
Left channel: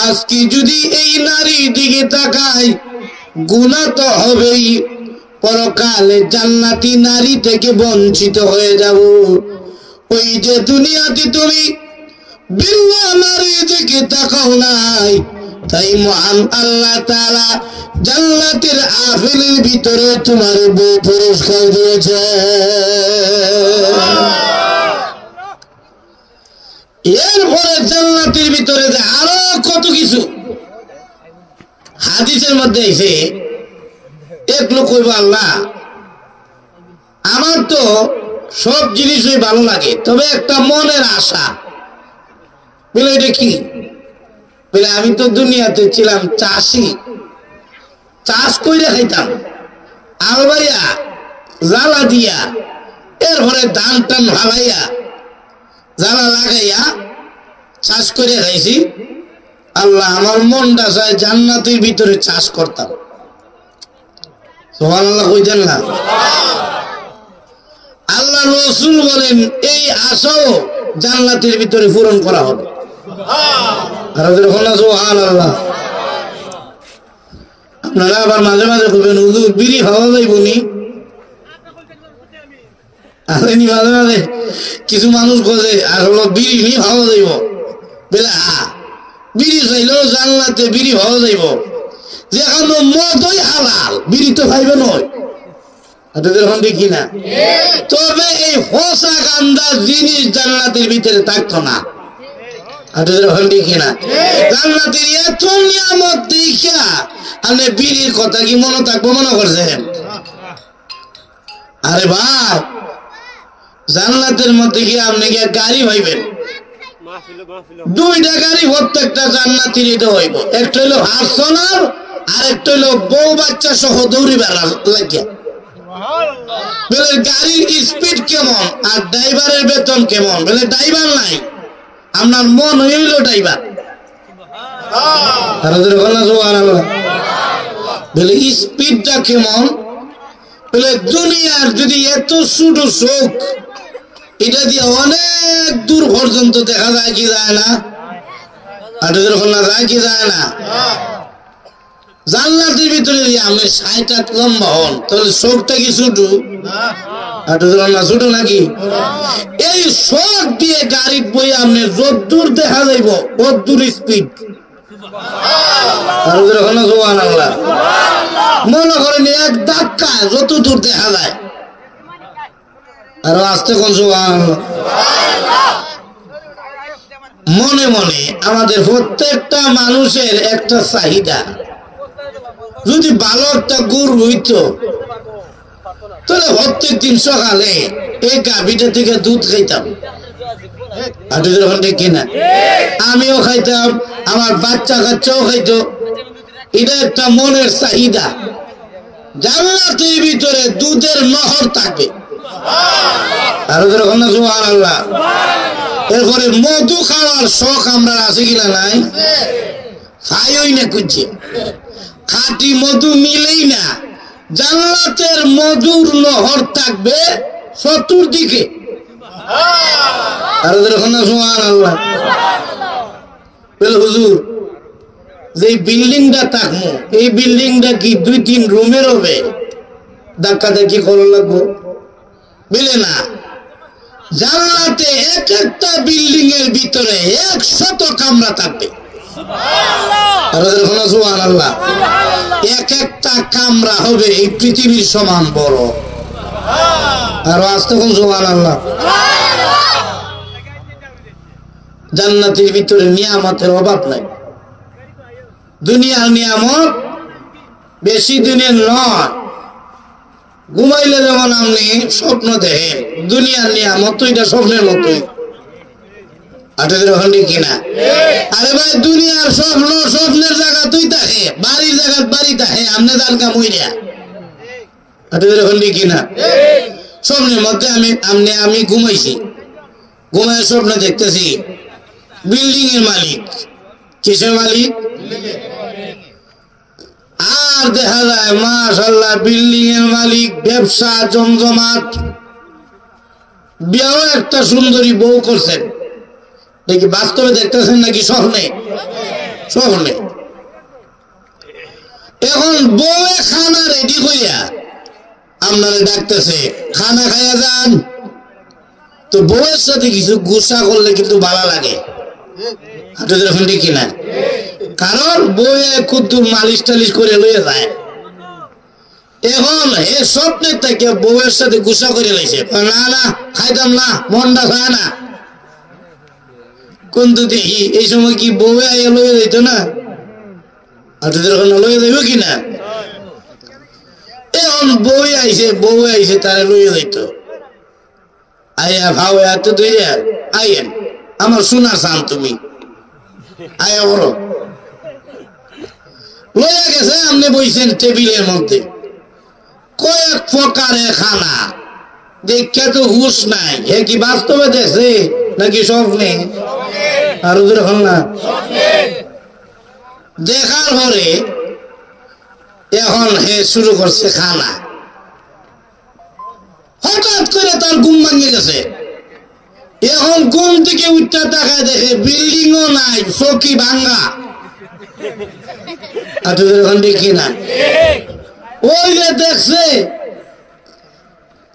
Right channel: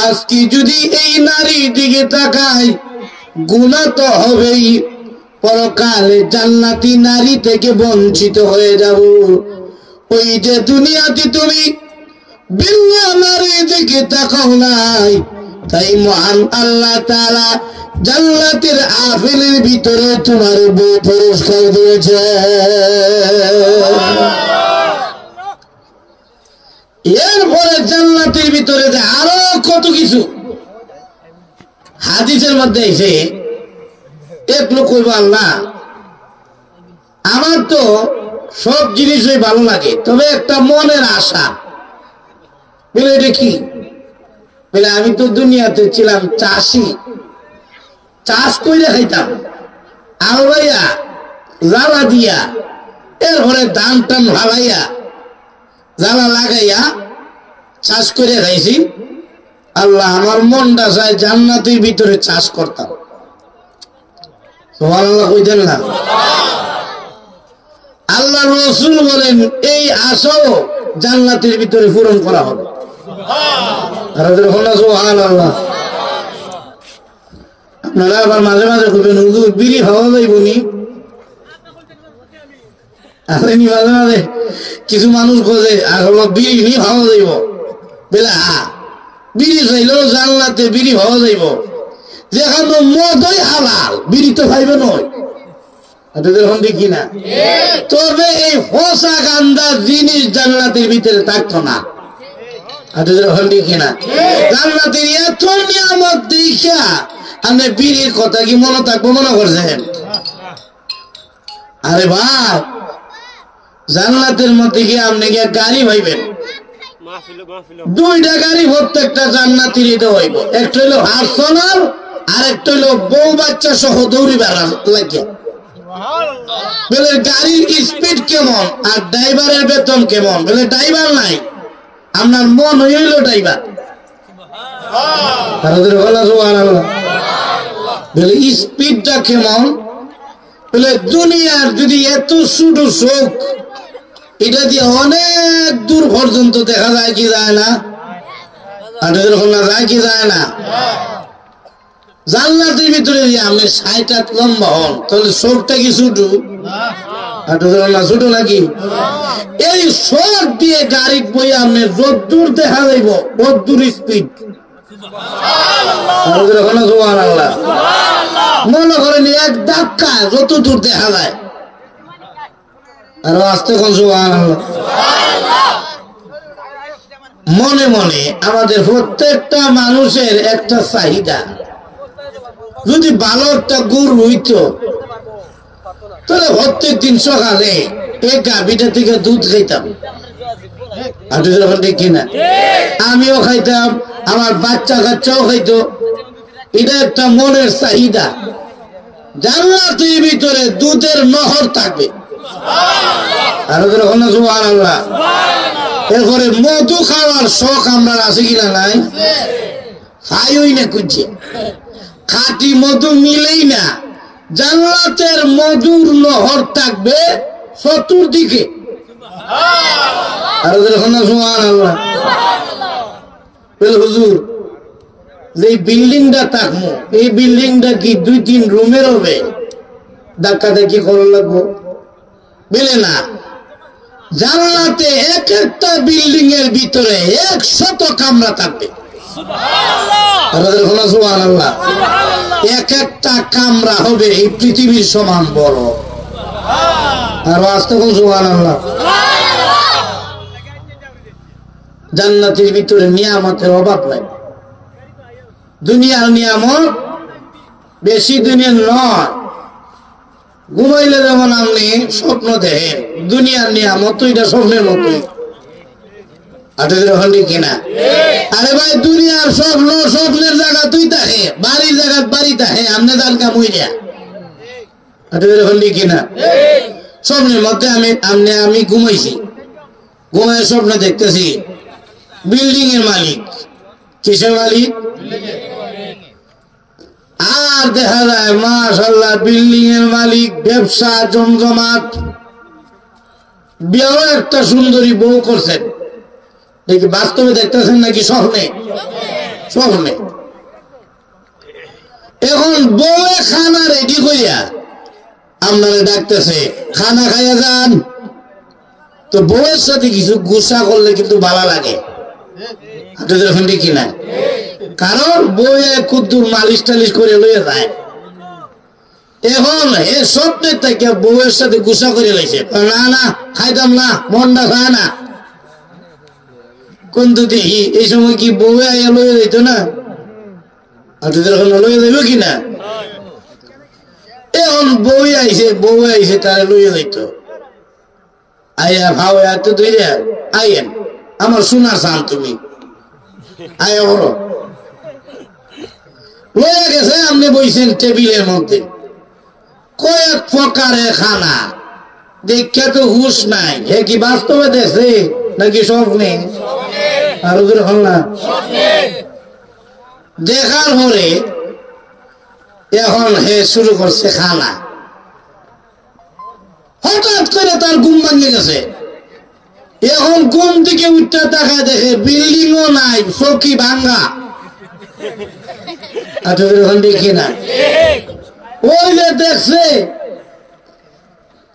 আজকে যদি এই নারীর দিকে তাকাই গুনাহ তো হবেই, পরকালে জান্নাতি নারী থেকে বঞ্চিত হয়ে যাব। ওই যে দুনিয়াতে তুমি ভিন্ন নারীর দিকে তাকাও নাই, তাই মহান আল্লাহ তাআলা জান্নাতের আপেলের ভিতরে তোমার বউ পুরস্কার দিয়েছে। এরপরে জান্নাতের ভিতরে যে আরো কত কিছু হাদিসের মধ্যে এসে এক লোক কইব, আল্লাহ আমার তো সব জিনিসই ভালো লাগে, তবে একটা মনের আশা। বলে এটা কি? বলে আমি তো দুনিয়াতে ছিলাম চাষি, চাষ করে খাইতাম, আলবাইয়া জ্বালা দিয়া এরপরে ধান টান ভালাইয়া জ্বালা লাগাইয়া চাষ করে খাইছি। আল্লাহ আমার মনটা চায় জান্নাতের ভিতরে চাষ করতাম। সুবহানাল্লাহ কইতেন না? আল্লাহ রাসূল বলেন এই আশাও জান্নাতের ভিতরে পূরণ করা হবে। সুবহানাল্লাহ। আপনারা আবার মাঝে মাঝে কইবেন হুজুর বিড়ি খাওয়া যাইবনি? আসেনি মাঝে মাঝে কিছু মানুষ খোঁজে আর হলো বিড়ি নিয়ে খাওয়া যাইব বেলা বিড়ি খাইলেও জানলাতে বিড়ি খাওয়া যাইব যেখানে মদই হালাল বিড়ি তো খাইবে নয় দেখি না তবে এই ফসা গান্দা জিনিস জান্নাতের ভিতরে থাকতো না দেখি না জান্নাতের এত নিয়ামত দেখা আপনি বিড়ির কথা কি মনে থাকবো মনে করছেন আরে বাপ জান্নাতের মধ্যে গিয়ে আপনি গিয়ে গাড়ি ভাইবেন দুইটা গাড়ি প্রত্যেকটা জান্নাতির দিতে হইব একটা হইলো হার্সনার আর একটা হইলো বউ বাচ্চা সহ দৌড়ি বেড়া লাগিয়া বলে গাড়ির স্পিড কেমন আর ড্রাইভারের বেতন কেমন বলে ড্রাইভার নাই আপনার মন হইল ড্রাইভার বলে স্পিডটা কেমন বলে দুনিয়ার যদি এত ছোট চোখ এটা দিয়ে অনেক দূর পর্যন্ত দেখা যায় কি যায় না যায় কি যায় না জান্নাতের ভিতরে দিয়ে আপনি ৬০ হাত লম্বা হন তাহলে চোখটা কি ছোট ছোট নাকি এই চোখ দিয়ে গাড়ি বই আপনি যদ্দূর দেখা যাইব তদ্দূর স্পিড মনে করেন এক ধাক্কা যত দূর দেখা যায় আর আস্তে কোন মনে মনে আমাদের প্রত্যেকটা মানুষের একটা চাহিদা যদি ভালো একটা গুড় হইত তাহলে প্রত্যেক দিন সকালে এই গাভীটা থেকে দুধ খাইতাম কিনা আমিও খাইতাম আমার বাচ্চা কাচ্চাও খাইতো এটা একটা মনের চাহিদা জান্নাতের ভিতরে দুধের নহর থাকবে এরপরে মধু খাওয়ার শখ আমরা আছে কিনা নাই খাইই না খুঁজছে খাঁটি মধু মিলেই না জান্নাতের মধুর নহর থাকবে চতুর্দিকে হুজুর যে বিল্ডিংটা থাকবো এই বিল্ডিংটা কি ২-৩ রুমের হবে ধাক্কা ধাক্কি করা লাগবো বুঝলে না জান্নাতে এক একটা বিল্ডিং এর ভিতরে ১০০ কামরা থাকবে এক একটা কামরা হবে এই পৃথিবীর সমান বড় আর তখন সুবহানাল্লাহ জান্নাতের ভিতরে নিয়ামতের অভাব নাই দুনিয়ার নিয়ামত বেশি দিনের নয় ঘুমাইলে যেমন আপনি স্বপ্ন দেখেন দুনিয়ার নিয়ামত এটা স্বপ্নের মতোই কিনা আরে ভাই দুনিয়ার স্বপ্ন স্বপ্নের জায়গা তুই থাকে বাড়ির জায়গা বাড়ি থাকে আপনি তার কাম হইয়া কিনা স্বপ্নের মধ্যে আমি ঘুমাইছি ঘুমাই স্বপ্নে দেখতেছি বিল্ডিং এর মালিক কিসের মালিক আর দেখা যায় মাশাআল্লাহ বিল্ডিং এর মালিক ব্যবসা জমজমাট বিয়েও একটা সুন্দরী বউ করছেন দেখি বাস্তবে দেখতেছেন নাকি স্বপ্নে স্বপ্নে এখন বউয়ে খানা রেডি করিয়া আপনারা ডাকতেছে খানা খাইয়া যান তো বউয়ের সাথে কিছু গুসা করলে কিন্তু ভালো লাগে কিনা কারণ বউয়ে কুদ্দুর মালিশ টালিশ করে লইয়া যায় এখন এ স্বপ্নের থেকে বউয়ের সাথে গুসা করে লাইছে না না খাইতাম না মনটা খায় না কিন্তু দেখি এই সময় কি বউয়ে আইয়া লইয়া যাইতো না লইয়া যাইব কিনা এখন বউ আইছে তারা লইয়া যাইতো আইয়া ভাও এত ধরে আইয়েন আমার শোনা চান তুমি আয়া বলো লইয়া গেছে আপনি বইছেন টেবিলের মধ্যে কয়েক প্রকারের খানা দেখে তো হুশ নাই হে কি বাস্তবে দেখছে নাকি স্বপ্নে আর না দেখার পরে এখন হে শুরু করছে খানা হঠাৎ করে তার ঘুম ভাঙে গেছে এখন ঘুম থেকে উঠতে দেখা দেখে বিল্ডিংও নাই চৌকি ভাঙ্গা দেখি না ওই যে দেখছে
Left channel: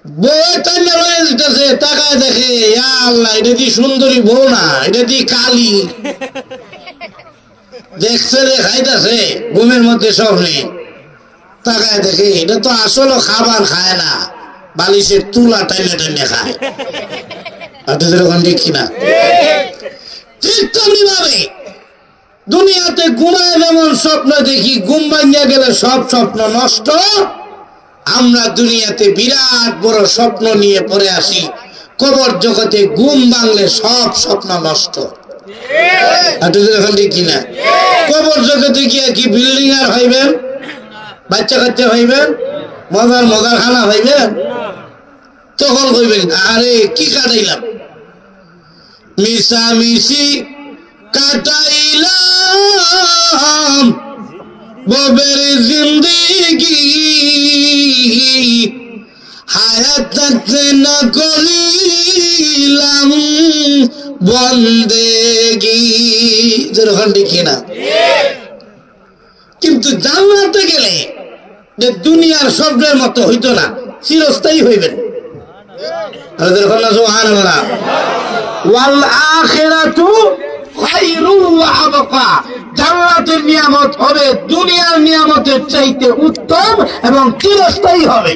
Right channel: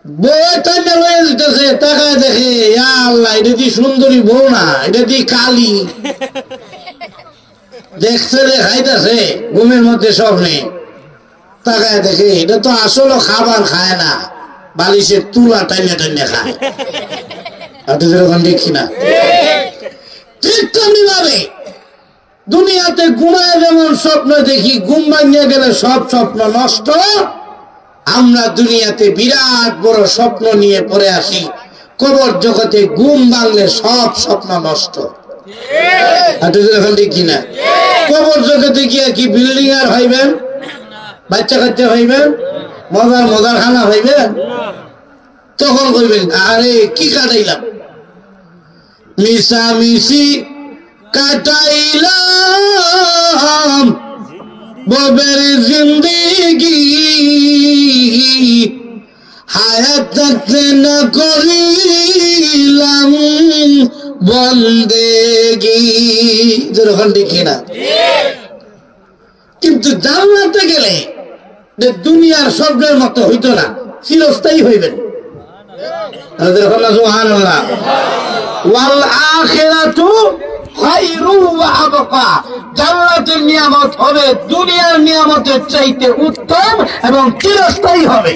বউ টাইনে রয়ে যেতেছে, তাকায় দেখে আল্লাহ এটা কি সুন্দরী বউ না, এটা কি কালি। দেখছে রে খাইতেছে ঘুমের মধ্যে স্বপ্নে, তাকায় দেখে এটা তো আসলে খাবার খায় না, বালিশের তুলা টাইনে টাইনে খায়। যেরকম দেখি না ঠিক তেমনি ভাবে দুনিয়াতে ঘুমায় যেমন স্বপ্ন দেখি, ঘুম ভাঙিয়ে গেলে সব স্বপ্ন নষ্ট। আমরা দুনিয়াতে বিরাট বড় স্বপ্ন নিয়ে পড়ে আসি, কবর জগতে ঘুম ভাঙলে সব স্বপ্ন নষ্ট। দেখি না কবর জগতে গিয়ে কি বিল্ডিং আর হইবেন, বাচ্চা কাচ্চা হইবেন, মজার মজার খানা হইবেন, তখন কইবেন আরে কি কাটাইলাম, মিশামিশি কাটাইলাম ববের জিন্দেগি, হায়াত থাকতে না করিলাম বন্দেগি। যেরকম দেখি না, কিন্তু জান্নাতে গেলে দুনিয়ার স্বর্গের মতো হইতো না, চিরস্থায়ী হইবেন। জান্নাতের নিয়ামত হবে দুনিয়ার নিয়ামতের চাইতে উত্তম এবং চিরস্থায়ী হবে।